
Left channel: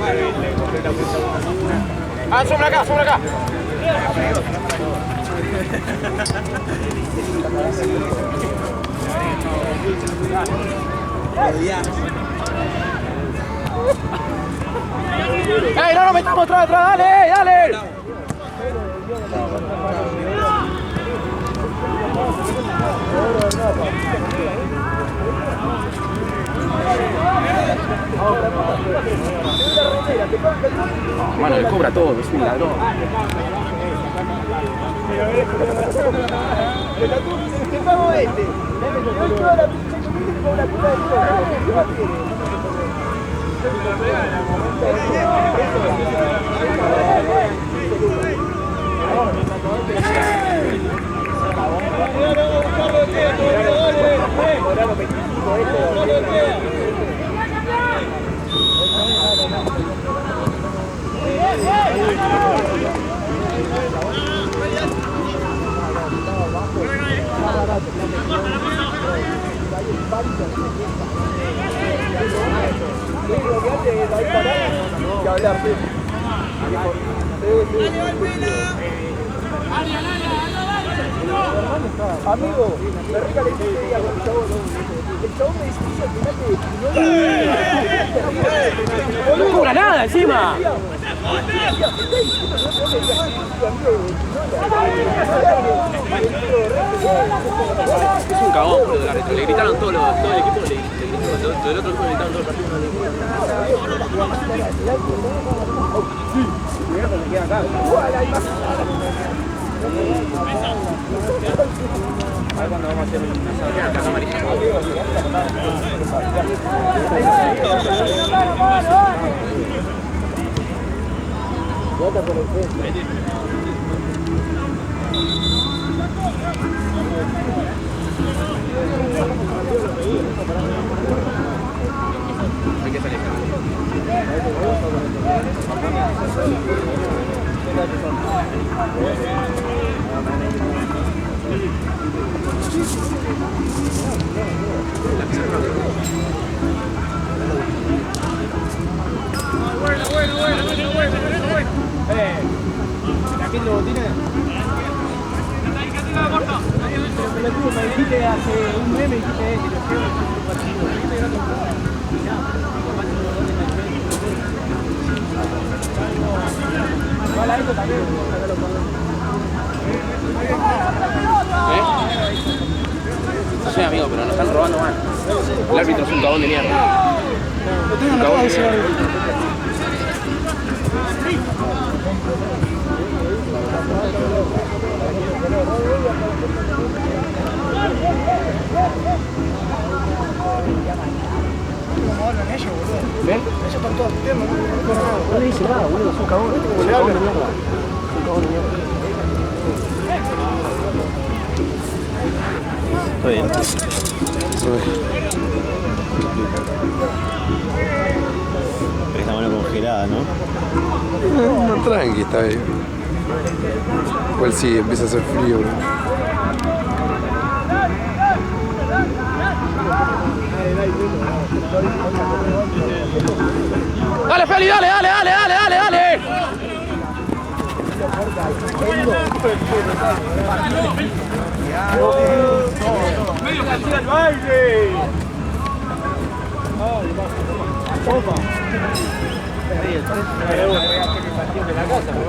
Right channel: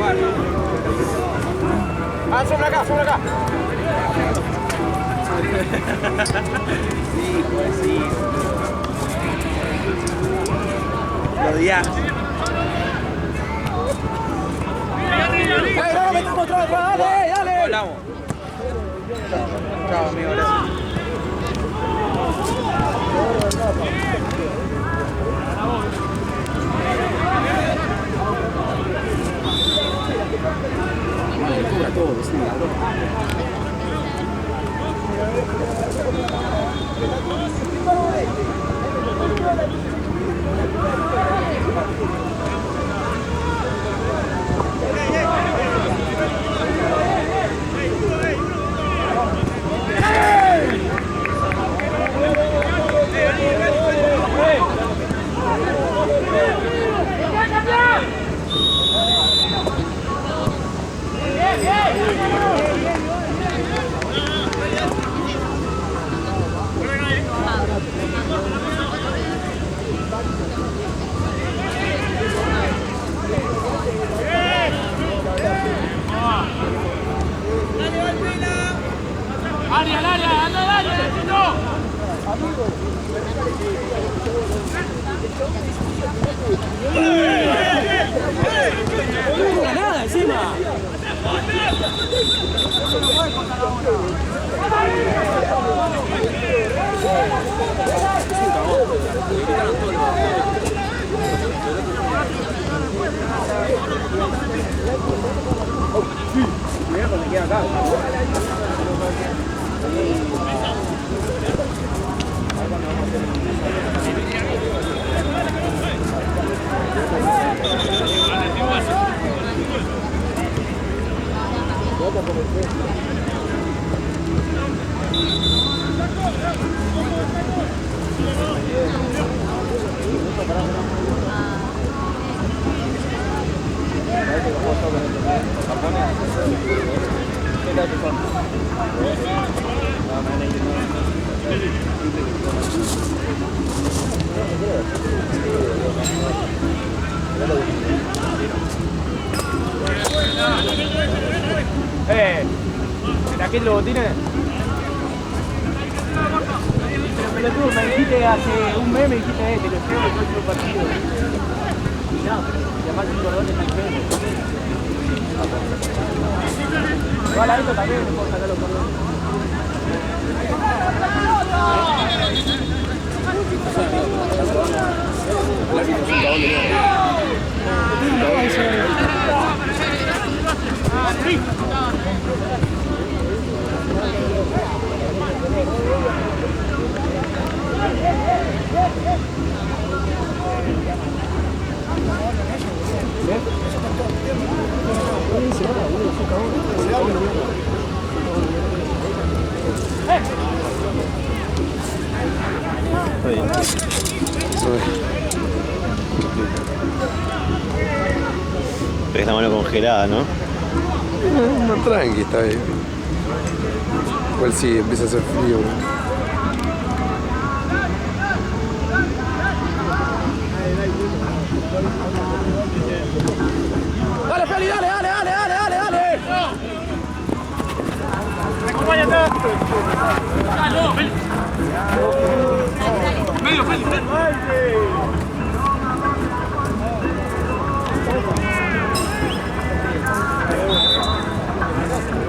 Ah, sombra acá. ¡Ey, no nos metamos atrás! ¡Dale! Mano, le cobra todo, es un ladrón. No cobra nada encima. Es un cagón, le gritaron todos los equipos del otro gritaron todos. Le queda acá. Cuando vamos a hacer ¿Aquel lo tiene? Pero tú me dijiste hace un mes, me dijiste te lo creo que fue un partido. Y nada, capaz que los goles están feos. Igual a esto también me puedo sacar los cordones. No sé, amigo, pero nos están robando más. El árbitro es un cagón de mierda. Es un cagón de mierda. ¿Ven? No le dice nada, boludo, es un cagón. Es un cagón de mierda. Está bien. Pero esta mano congelada, ¿no? No, tranqui, está bien. Igual sí, empieza a hacer frío, bro. Dale, Feli, dale. Medio partido al baile.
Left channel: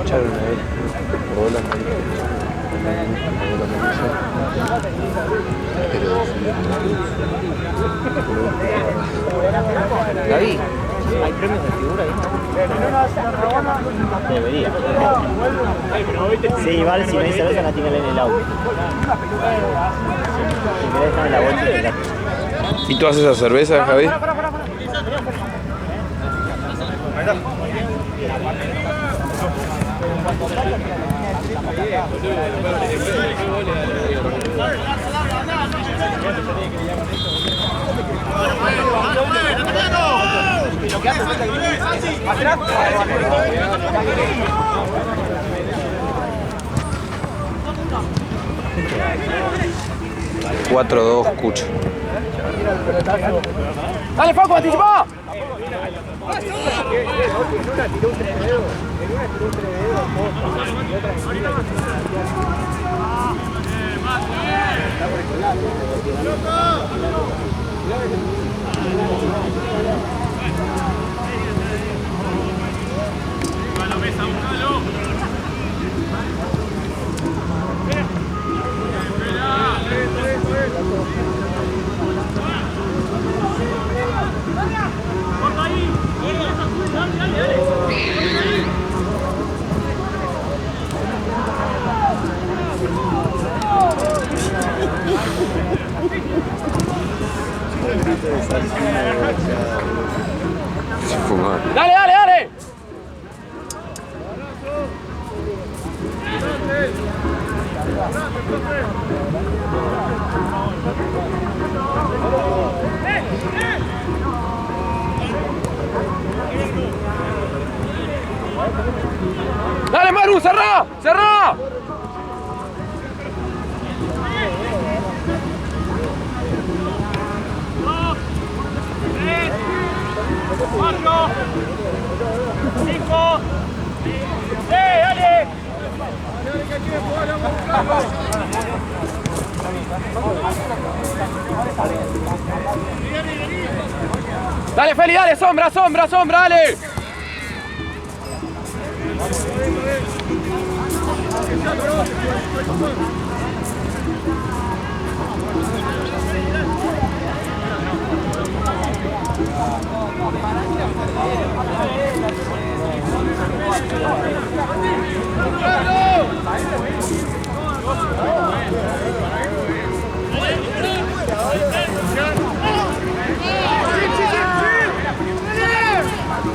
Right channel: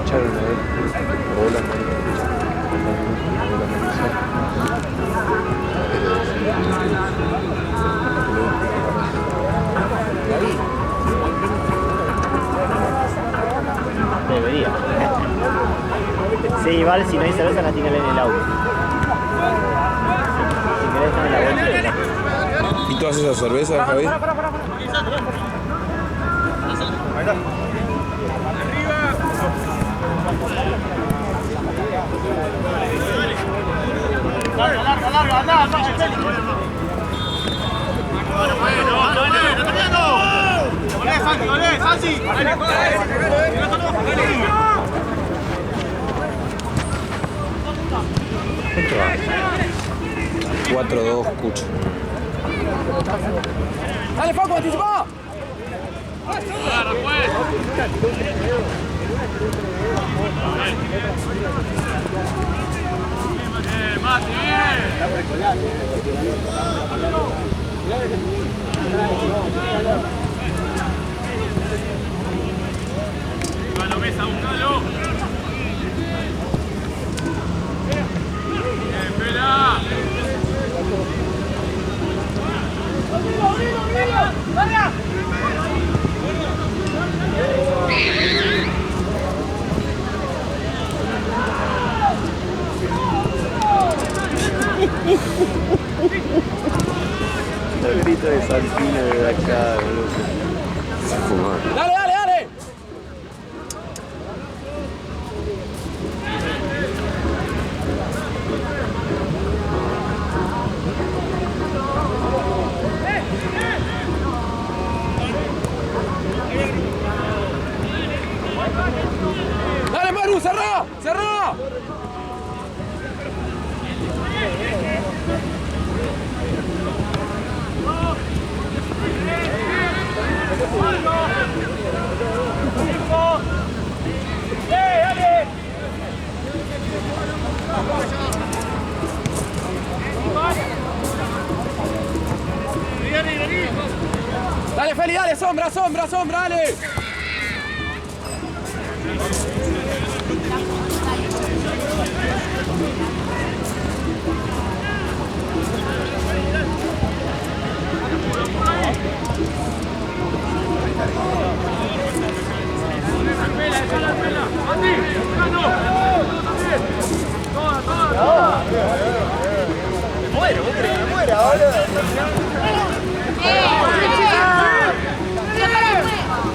Echaron a ver. Hola, David, Debería. Sí, igual si no hay cerveza la tienen en el auto. Si querés dejar en la vuelta. ¿Y tú haces esa cerveza, Javi? Cuatro, dos, Cucho. Dale, Facu, anticipa. Búscalo, Mesa, búscalo. Espera. Se fuma. Dale, dale, dale. Dale, Maru, cerrá, cerrá. ¡Marco! ¡Cinco! ¡Dale! Dale, Feli, dale, sombra, sombra, sombra, dale.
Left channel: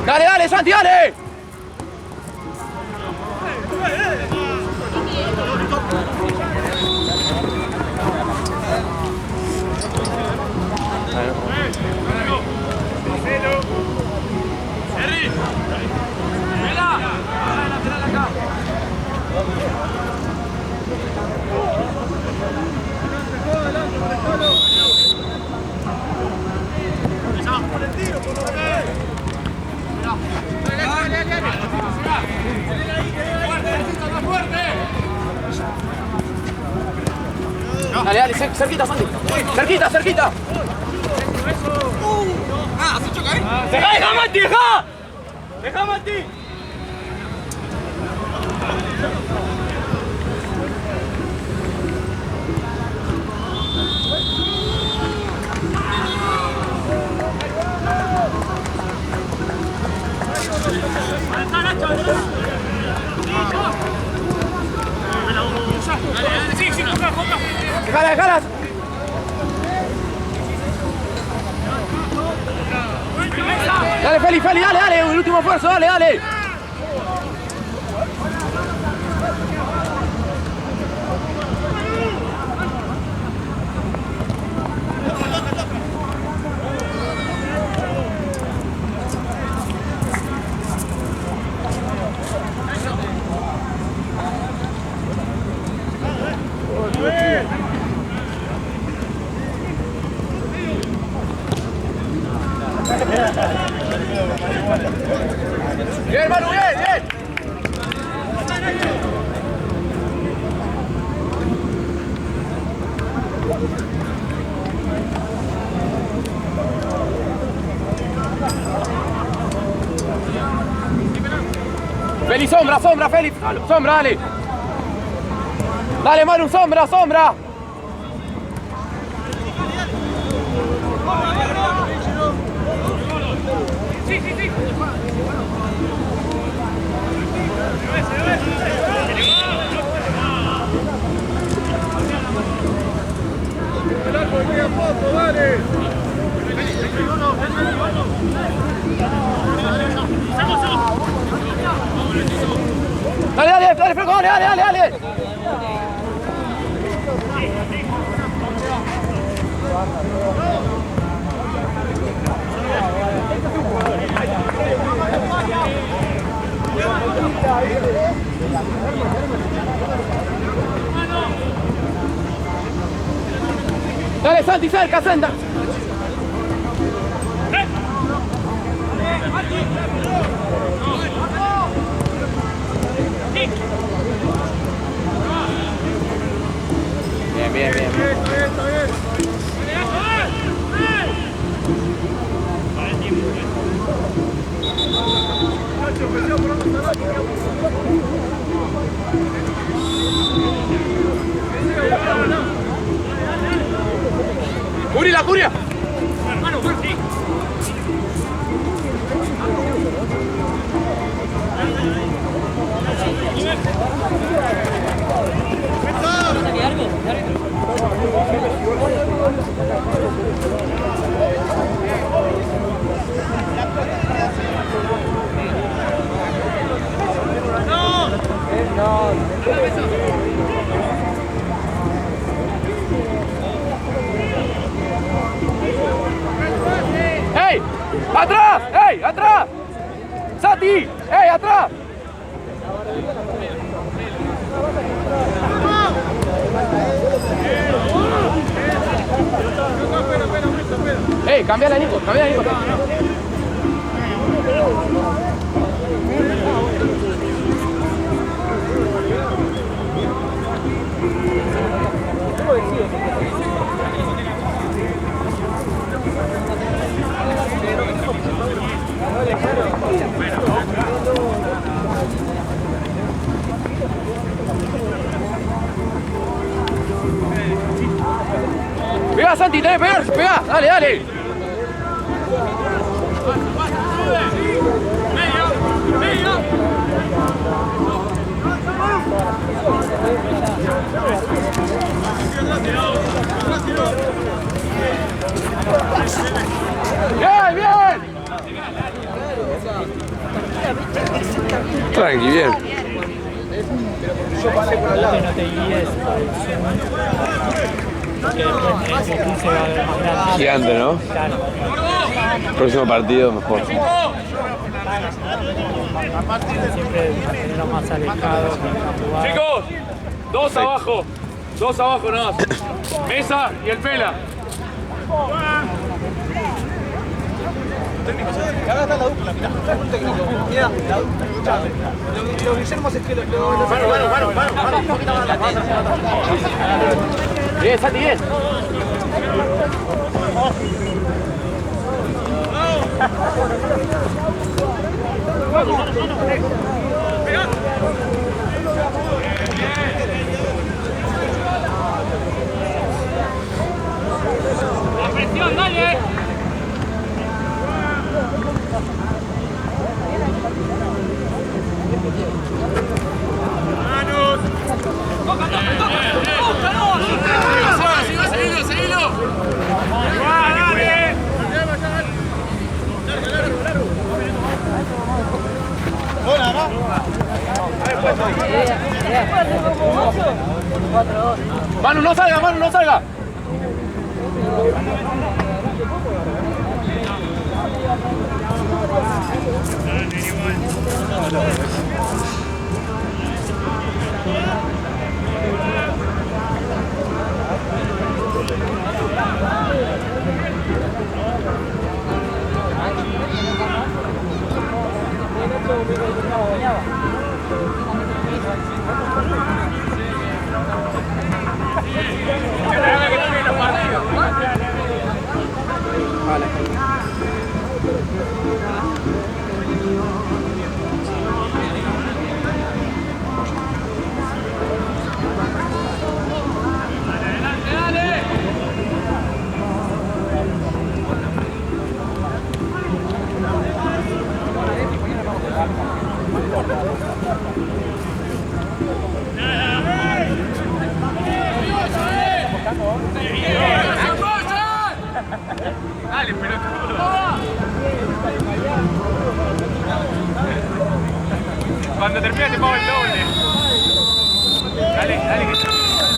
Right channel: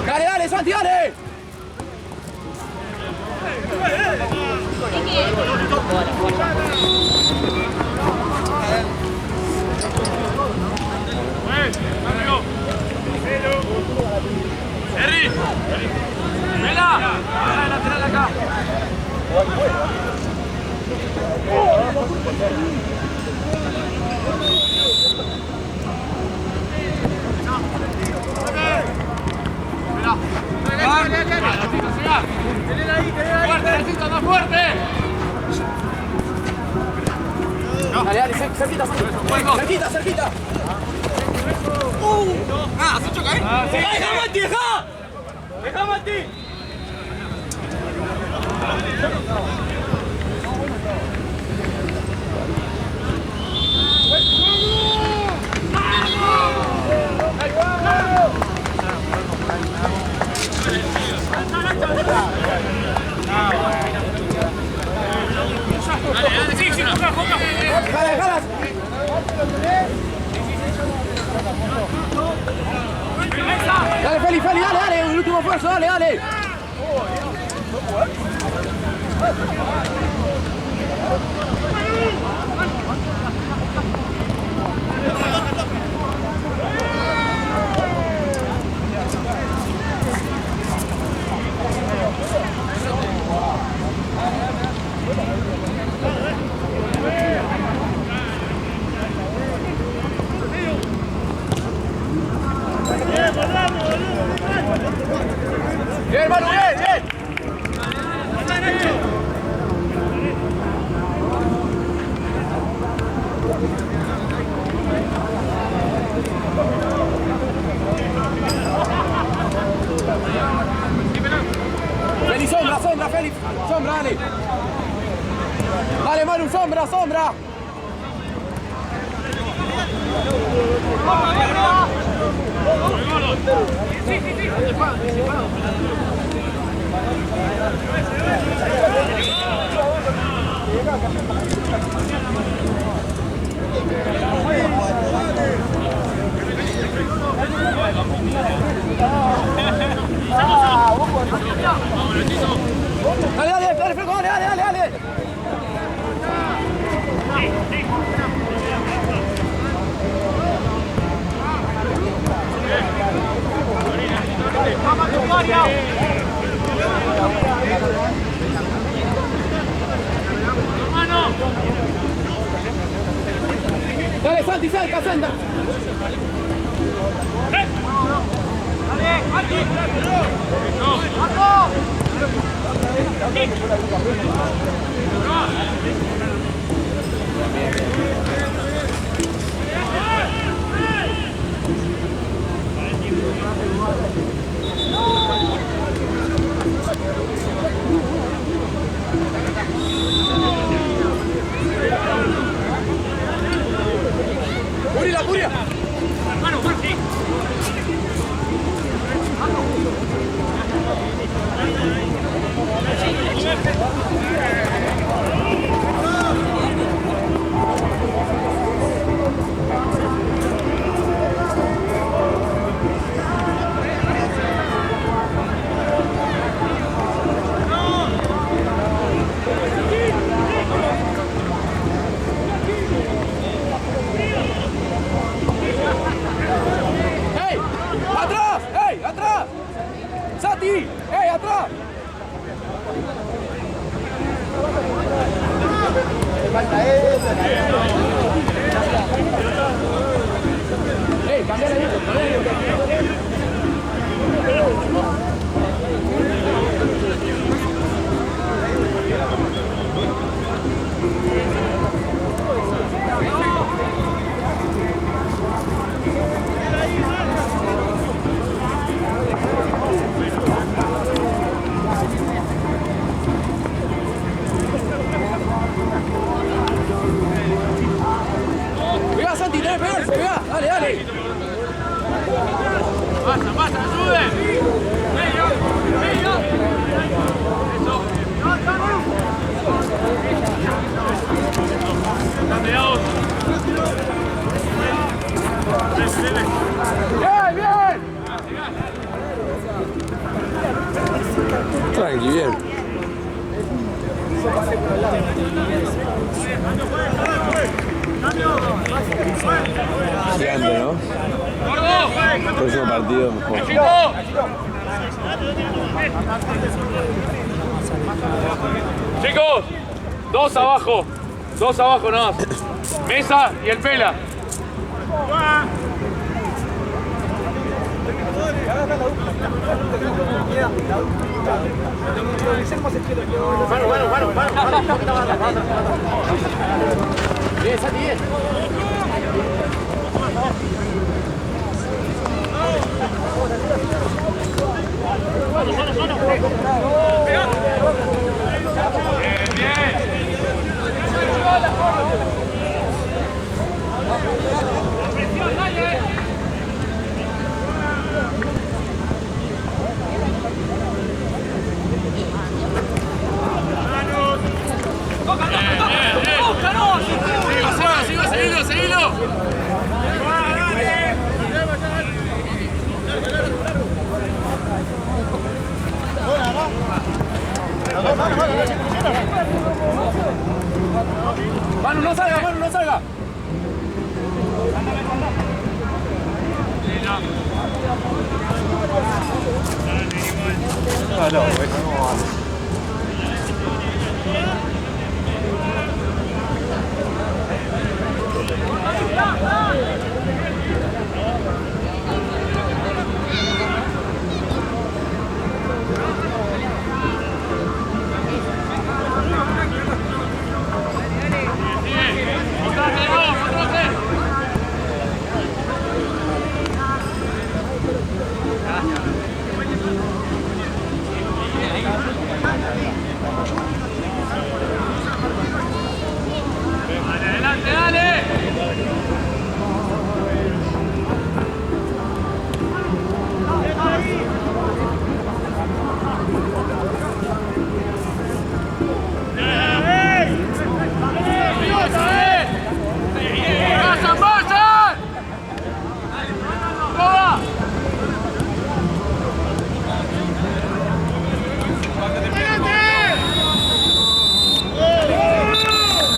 Dale, dale, Santi, dale. ¡Henry! ¡Vela! ¡Baja de lateral acá! ¡Fuerte, necesito más fuerte! Dale, dale, cerquita, Santi. Cerquita, cerquita. ¡Se choca ahí! ¡Deja, Mati, deja! ¡Deja, Mati! Dale, sí, sí, toca. ¡Déjala, déjala! Dale, Feli, Feli, dale, dale, el último esfuerzo, dale, dale. Bien, Manu, bien, bien. Feli, sombra, sombra, Feli. Sombra, dale. Dale, Manu, sombra, sombra. Sí, sí, sí. Dale, dale, dale, Franco, dale, dale, dale, dale. Dale, Santi, cerca, Santa. Bien, bien, bien. ¡Curia, Curia! ¡Ey! ¡Atrás! ¡Ey! ¡Atrás! ¡Sati! ¡Ey! ¡Atrás! ¡Ey! ¡Cambia la Nico! ¡Cambia la Nico! ¡Pega, Santi! ¡Tenés que pegar! ¡Pega! ¡Dale, dale! ¡Basta, sube! ¡Medio! ¡Medio! ¡Bien, bien! Tranqui, bien. Gigante, ¿no? Próximo partido mejor. Chicos, dos abajo no. Mesa y el Pela. Bien, Santi, bien.